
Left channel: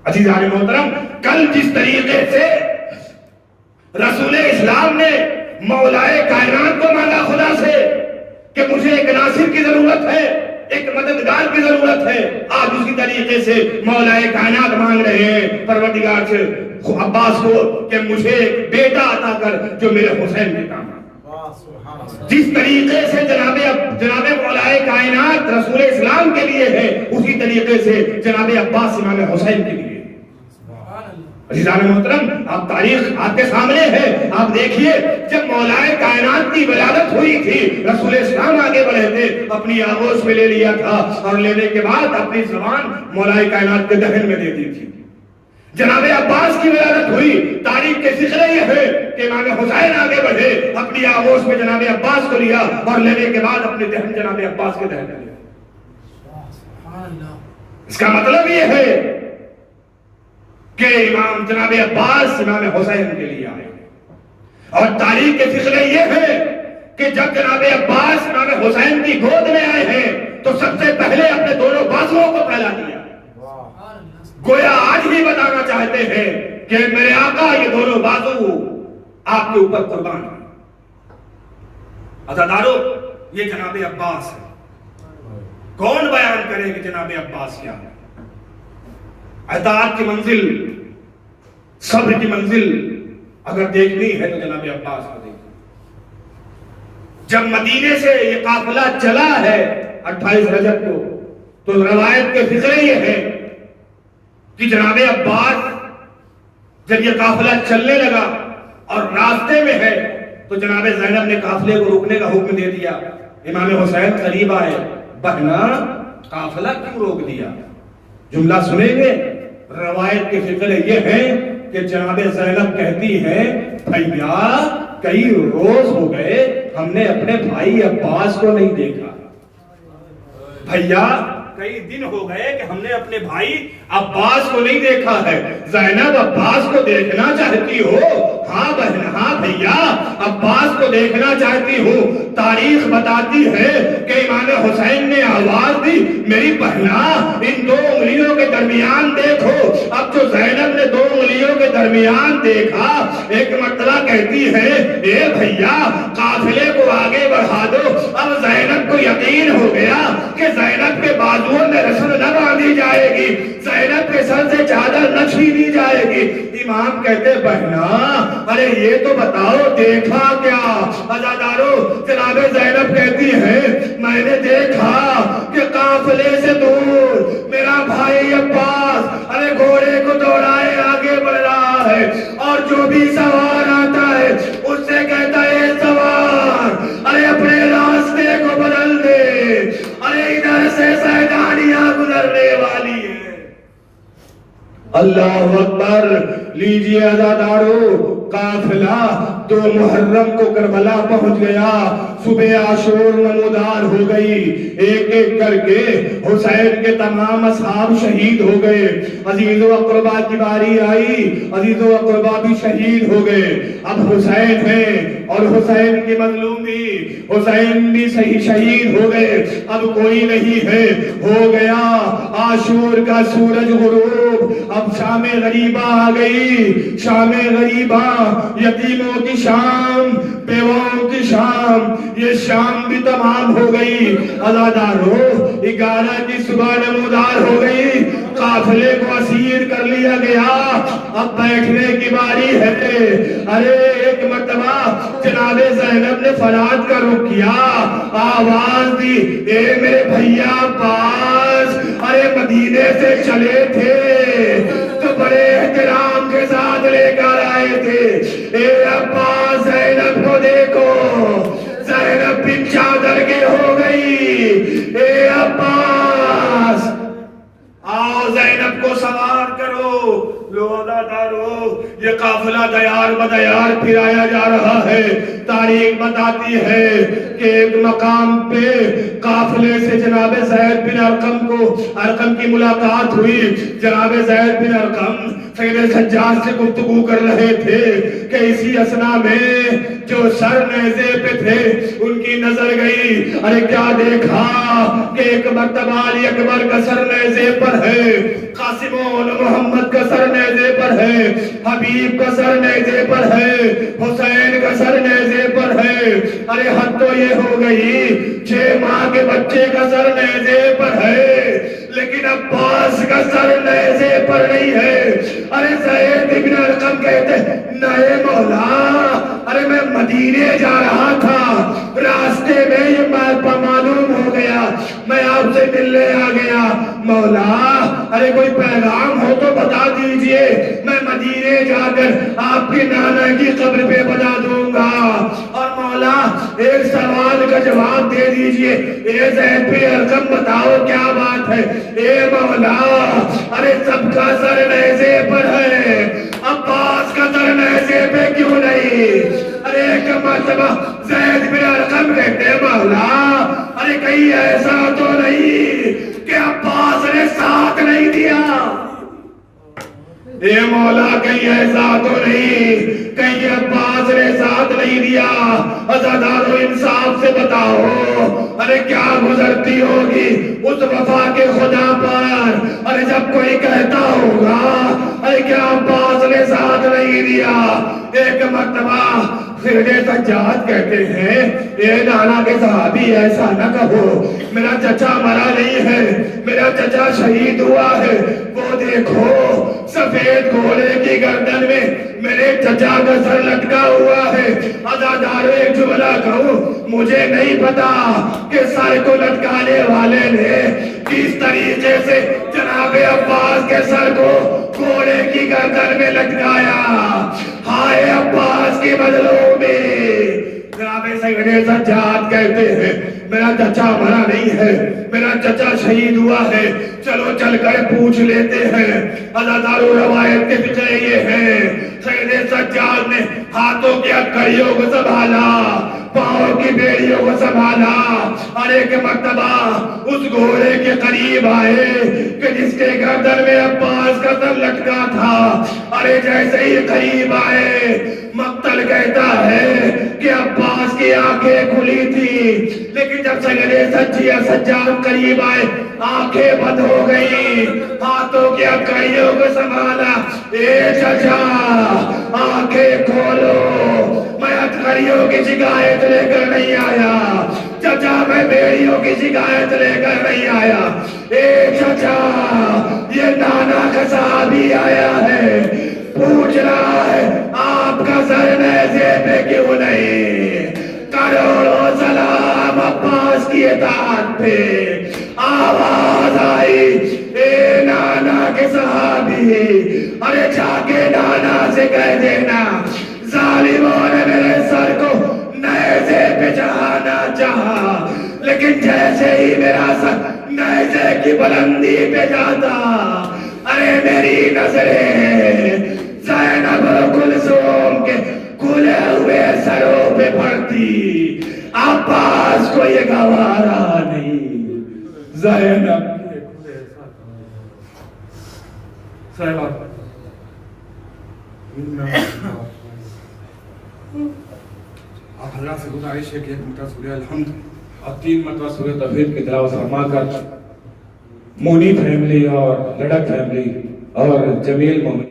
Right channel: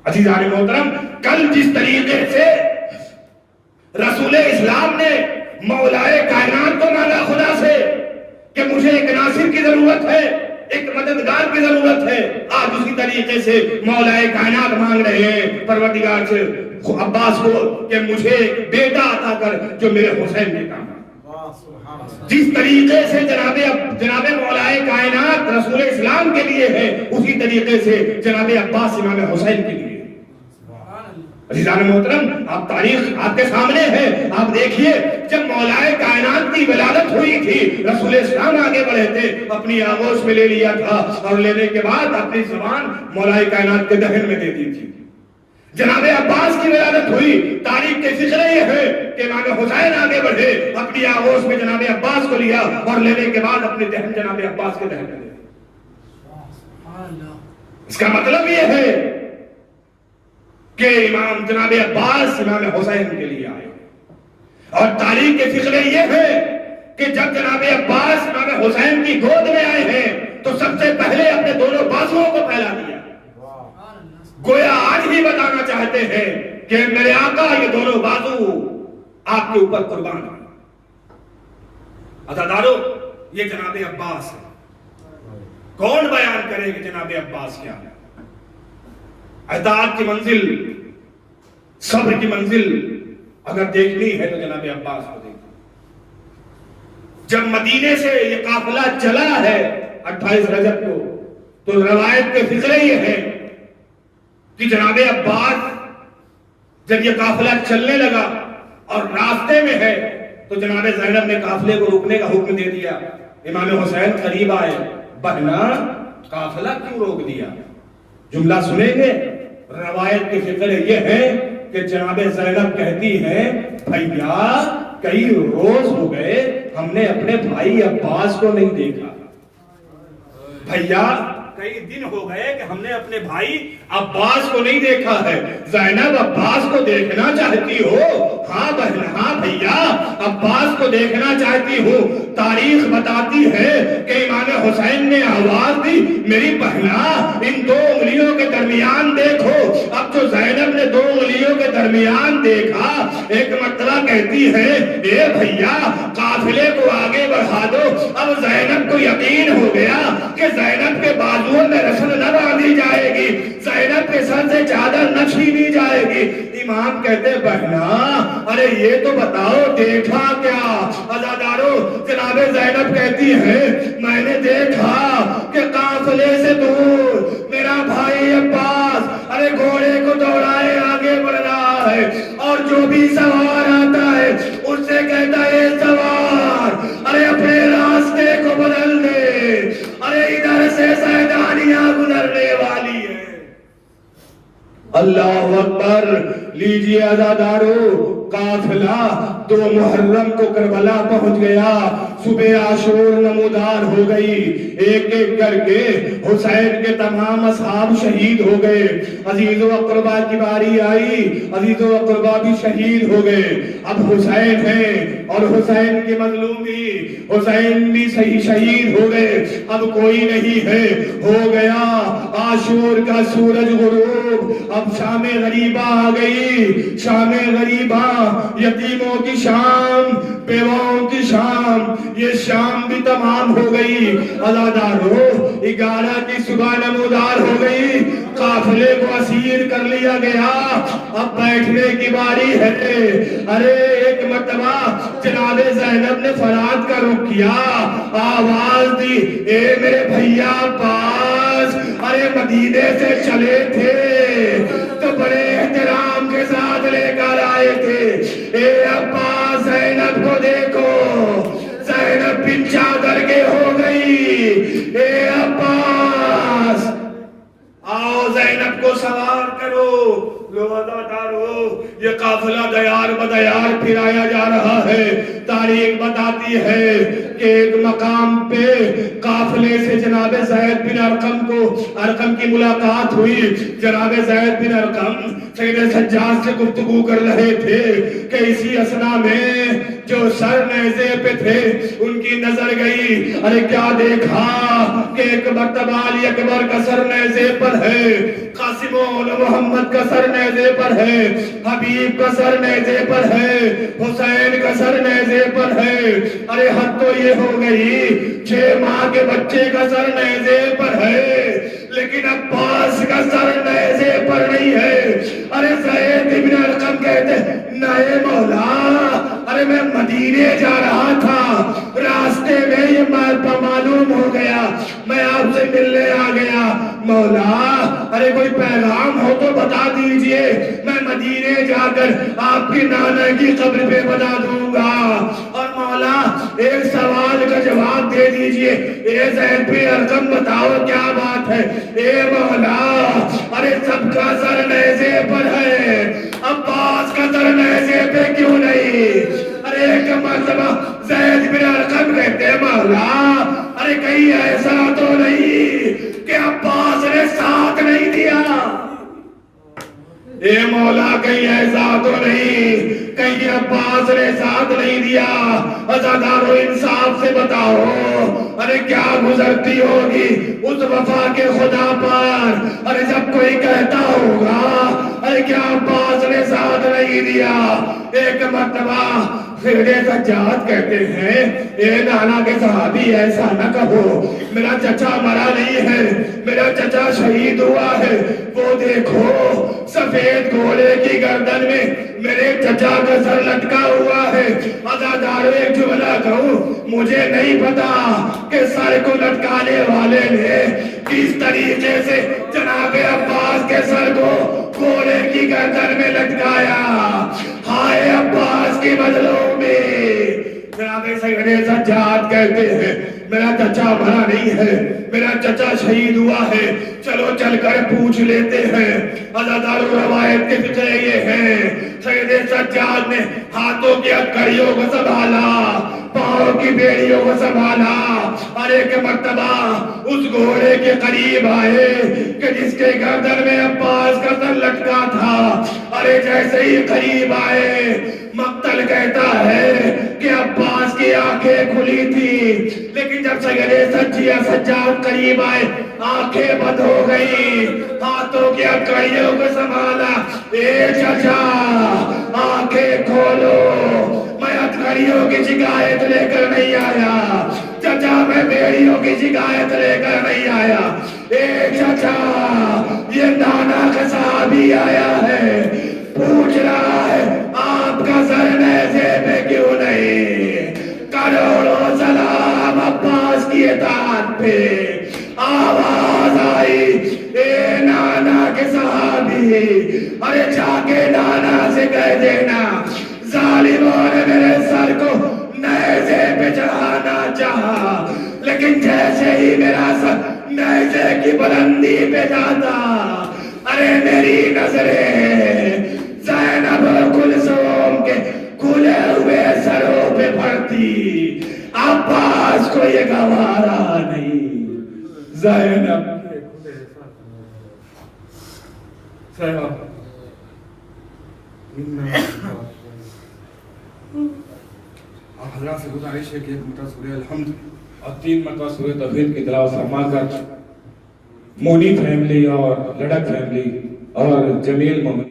عزیزان محترم، کل جس طریقے سے رسول اسلام نے مولائے کائنات کو مانگا خدا سے کہ مجھے ایک ناصر کی ضرورت ہے، ایک مددگار کی ضرورت ہے، آج اسی طریقے سے مولائے کائنات مانگ رہے ہیں پروردگار سے عباس کو کہ مجھے ایک بیٹا عطا کر جو میرے حسین کے کام۔ جس طریقے سے جناب مولائے کائنات رسول اسلام کے لیے ہے، اسی طریقے سے جناب عباس امام حسین کے لیے۔ عزیزان محترم، آپ تاریخ آپ کے سامنے ہے، آپ دیکھیے جب مولائے کائنات کی ولادت ہوئی تھی، رسول اسلام آگے بڑھے تھے، اپنی آغوش میں لے لیا تھا اور لینے کے بعد اپنی زبان مولائے کائنات کے دہن میں دے دی تھی۔ جناب عباس کی ولادت ہوئی، تاریخ کے ذکر یہ ہے کہ امام حسین آگے بڑھے، اپنی آغوش میں جناب عباس کو لیا اور لینے کے بعد اپنے دہن جناب عباس کے دہن میں لیا۔ اس کا مطلب یہ ہے کہ امام جناب عباس امام حسین کے لیے آئے، اور تاریخ کے ذکر یہ ہے کہ جب جناب عباس امام حسین کی گود میں آئے ہیں تو سب سے پہلے اپنے دونوں بازوؤں کو پھیلا دیا، گویا آج بھی بتانا چاہتے ہیں کہ میرے آقا یہ دونوں بازو آپ کے اوپر قربان ہیں۔ عزادارو، یہ جناب عباس ہے۔ کون بیان کرے کہ جناب عباس کیا ہے؟ اطاعت کی منزل، صبر کی منزل اگر دیکھنی ہے تو جناب عباس کو دیکھیں۔ جب مدینے سے یہ قافلہ چلا ہے 28 رجب کو، تو روایت کے ذکر یہ ہے کہ جناب عباس جب یہ قافلہ چلنے لگا اور راستے میں ہے تو جناب زینب نے قافلے کو روکنے کا حکم دے دیا۔ امام حسین قریب آئے، بہنا قافلہ کیوں روک دیا؟ جملہ سنیں گے، روایت کے ذکر یہ ہے کہ جناب زینب کہتی ہے بھیا کئی روز ہو گئے ہم نے اپنے بھائی عباس کو نہیں دیکھا، بھیا کئی دن ہو گئے کہ ہم نے اپنے بھائی عباس کو نہیں دیکھا ہے۔ زینب عباس کو دیکھنا چاہتی ہو؟ ہاں بہن، ہاں بھیا عباس کو دیکھنا چاہتی ہوں۔ تاریخ بتاتی ہے کہ امام حسین نے آواز دی میری بہنا ان دو انگلیوں کے درمیان دیکھو۔ اب جو زینب نے دو انگلیوں کے درمیان دیکھا، ایک مرتبہ کہتی ہے اے بھیا قافلے کو آگے بڑھا دو۔ اب زینب کو یقین ہو گیا کہ زینب کے بازوؤں میں رسل نہ باندھی جائے گی، زینب کے سر سے چادر نہ چھینی جائے گی۔ امام کہتے بہنا ارے یہ تو بتاؤ دیکھا کیا؟ عزادارو، جناب زینب کہتی ہے میں نے دیکھا کہ قافلے سے دور میرا بھائی عباس ارے گھوڑے کو دوڑائے آگے بڑھ رہا ہے، اور جو بھی سوار آتا ہے اس سے کہتا ہے سوار ارے اپنے راستے کو بدل دے، ارے ادھر سے سیدانیاں گزرنے والی ہے۔ اللہ اکبر! لیجئے عزادارو، قافلہ 2 محرم کو کربلا پہنچ گیا، صبح عاشور نمودار ہو گئی، ایک ایک کر کے حسین کے تمام اصحاب شہید ہو گئے۔ عزیز و اقربا کی باری آئی، عزیز و اقربا بھی شہید ہو گئے۔ اب حسین ہیں اور حسین کی مظلوم بھی، حسین بھی صحیح شہید ہو گئے، اب کوئی نہیں ہے، ہو گیا عاشور کا سورج غروب۔ اب شام غریبہ آ گئی، شام غریبہ یتیموں کی شام، بیواؤں کی شام، یہ شام بھی تمام ہو گئی۔ عزادارو 11 کی صبح نمودار ہو گئی، قافلے کو اسیر کر لیا گیا، اب بیٹھنے کی باری ہے۔ ارے ایک مرتبہ جناب زینب نے فرات کا رخ کیا، آواز دی، اے میرے بھیا عباس، ارے مدینے سے چلے تھے تو بڑے احترام کے ساتھ لے کر آئے تھے، اے عباس زینب کو دیکھو، زینب بھی چادر کے ہو گئی، اے عباس آؤ زینب کو سوار کرو۔ لو عزادارو یہ قافلہ دیار بدیار پھرایا جا رہا ہے۔ تاریخ بتاتی ہے کہ ایک مقام پہ قافلے سے جناب زید بن ارقم کی ملاقات ہوئی۔ جناب زید بن ارقم سید سجاد سے گفتگو کر رہے تھے کہ اسی اثنا میں جو سر نیزے پہ تھے ان کی نظر گئی، ارے کیا دیکھا کہ ایک مرتبہ علی اکبر کا سر نیزے پر ہے، قاسم و محمد کا سر نیزے پر ہے، حبیب کا سر نیزے پر ہے، حسین کا سر نیزے پر ہے۔ ارے حد تو یہ ہو گئی 6 ماہ کے بچے کا سر نیزے پر ہے، لیکن عباس کا سر نیزے پر نہیں ہے۔ ارے زید بن ارقم کہتے نئے مولا، ارے میں مدینے جا رہا تھا، راستے میں یہ معلوم ہو گیا، میں آپ سے ملنے آ گیا، مولا ارے کوئی پیغام ہو تو بتا دیجئے، میں مدینے جا کر آپ کی نانا کی قبر پہ بتا دوں گا۔ اور مولا ایک سوال کا جواب دے دیجئے، اے زید بن ارقم بتاؤ کیا بات ہے؟ اے مولا ارے سب کا سر نیزے پر ہے، عباس کا سر نیزے پہ کیوں نہیں؟ ارے ایک مرتبہ زید بن ارقم کہتے مولا ارے کہیں ایسا تو نہیں کہ عباس نے ساتھ نہیں دیا؟ اے مولا کہیں ایسا تو نہیں کہیں عباس نے ساتھ نہیں دیا؟ عزادارو انصاف سے بتاؤ، ارے کیا گزرتی ہوگی اس وفا کے خدا پر؟ ارے جب کوئی کہتا ہوگا ارے کیا عباس نے ساتھ نہیں دیا؟ ایک مرتبہ خرد سجاد کہتے ہیں اے نانا کے صحابی ایسا نہ کہو، میرا چچا مرا نہیں ہے، میرا چچا شہید ہوا ہے، وہ دیکھو سفید گھوڑے کی گردن میں میرے چچا کا سر لٹکا ہوا ہے۔ عزادارو ایک جملہ کہوں، مجھے نہیں پتا کہ سر کو لٹکانے والے نے کس طریقے سے جناب عباس کے سر کو گھوڑے کی گردن میں لٹکایا۔ ہائے عباس کی مظلومی۔ جناب سید سجاد کہتے ہیں میرا چچا مرا نہیں ہے، میرا چچا شہید ہوا ہے، چلو چل کر پوچھ لیتے ہیں۔ عزادارو روایت کے فقہ یہ ہے سید سجاد نے ہاتھوں کی ہتھکڑیوں کو سنبھالا، پاؤں کی بیڑیوں کو سنبھالا، اور ایک مرتبہ اس گھوڑے کے قریب آئے کہ جس کے گردن میں عباس کا سر لٹکا تھا۔ ارے جیسے ہی قریب آئے مقتل کہتا ہے کہ عباس کی آنکھیں کھلی تھی، لیکن جب سید سجاد قریب آئے آنکھیں بند ہو گئی، ہاتھوں کی ہتھکڑیوں کو سنبھالا، اے چچا آنکھیں کھولو، میں ہتھکڑیوں کی شکایت لے کر نہیں آیا، چچا میں بیڑیوں کی شکایت لے کر نہیں آیا، اے چچا یہ نانا کا صحابی آیا ہے، پوچھ رہا ہے آپ کا سر نیزے پہ کیوں نہیں؟ کروڑوں سلام عباس کی اطاعت پہ۔ آواز آئی اے نانا کے صحابی، ارے جا کے نانا سے کہہ دینا ظالموں نے میرے سر کو نیزے پہ چڑھانا چاہا، لیکن جیسے ہی میرا سر نیزے کی بلندی پہ جاتا، ارے میری نظریں زینب کلثوم کے کھلے ہوئے سروں پہ پڑتی، عباس کو یہ گوارا نہیں۔ زینب کے کھلے سر آپ حضرات سے گزارش ہے کہ ایک مرتبہ سورہ الحمد اور 3 مرتبہ سورہ توحید کی تلاوت فرما کر مونی فیملی اور لڑک فیملی اور جمیل مومن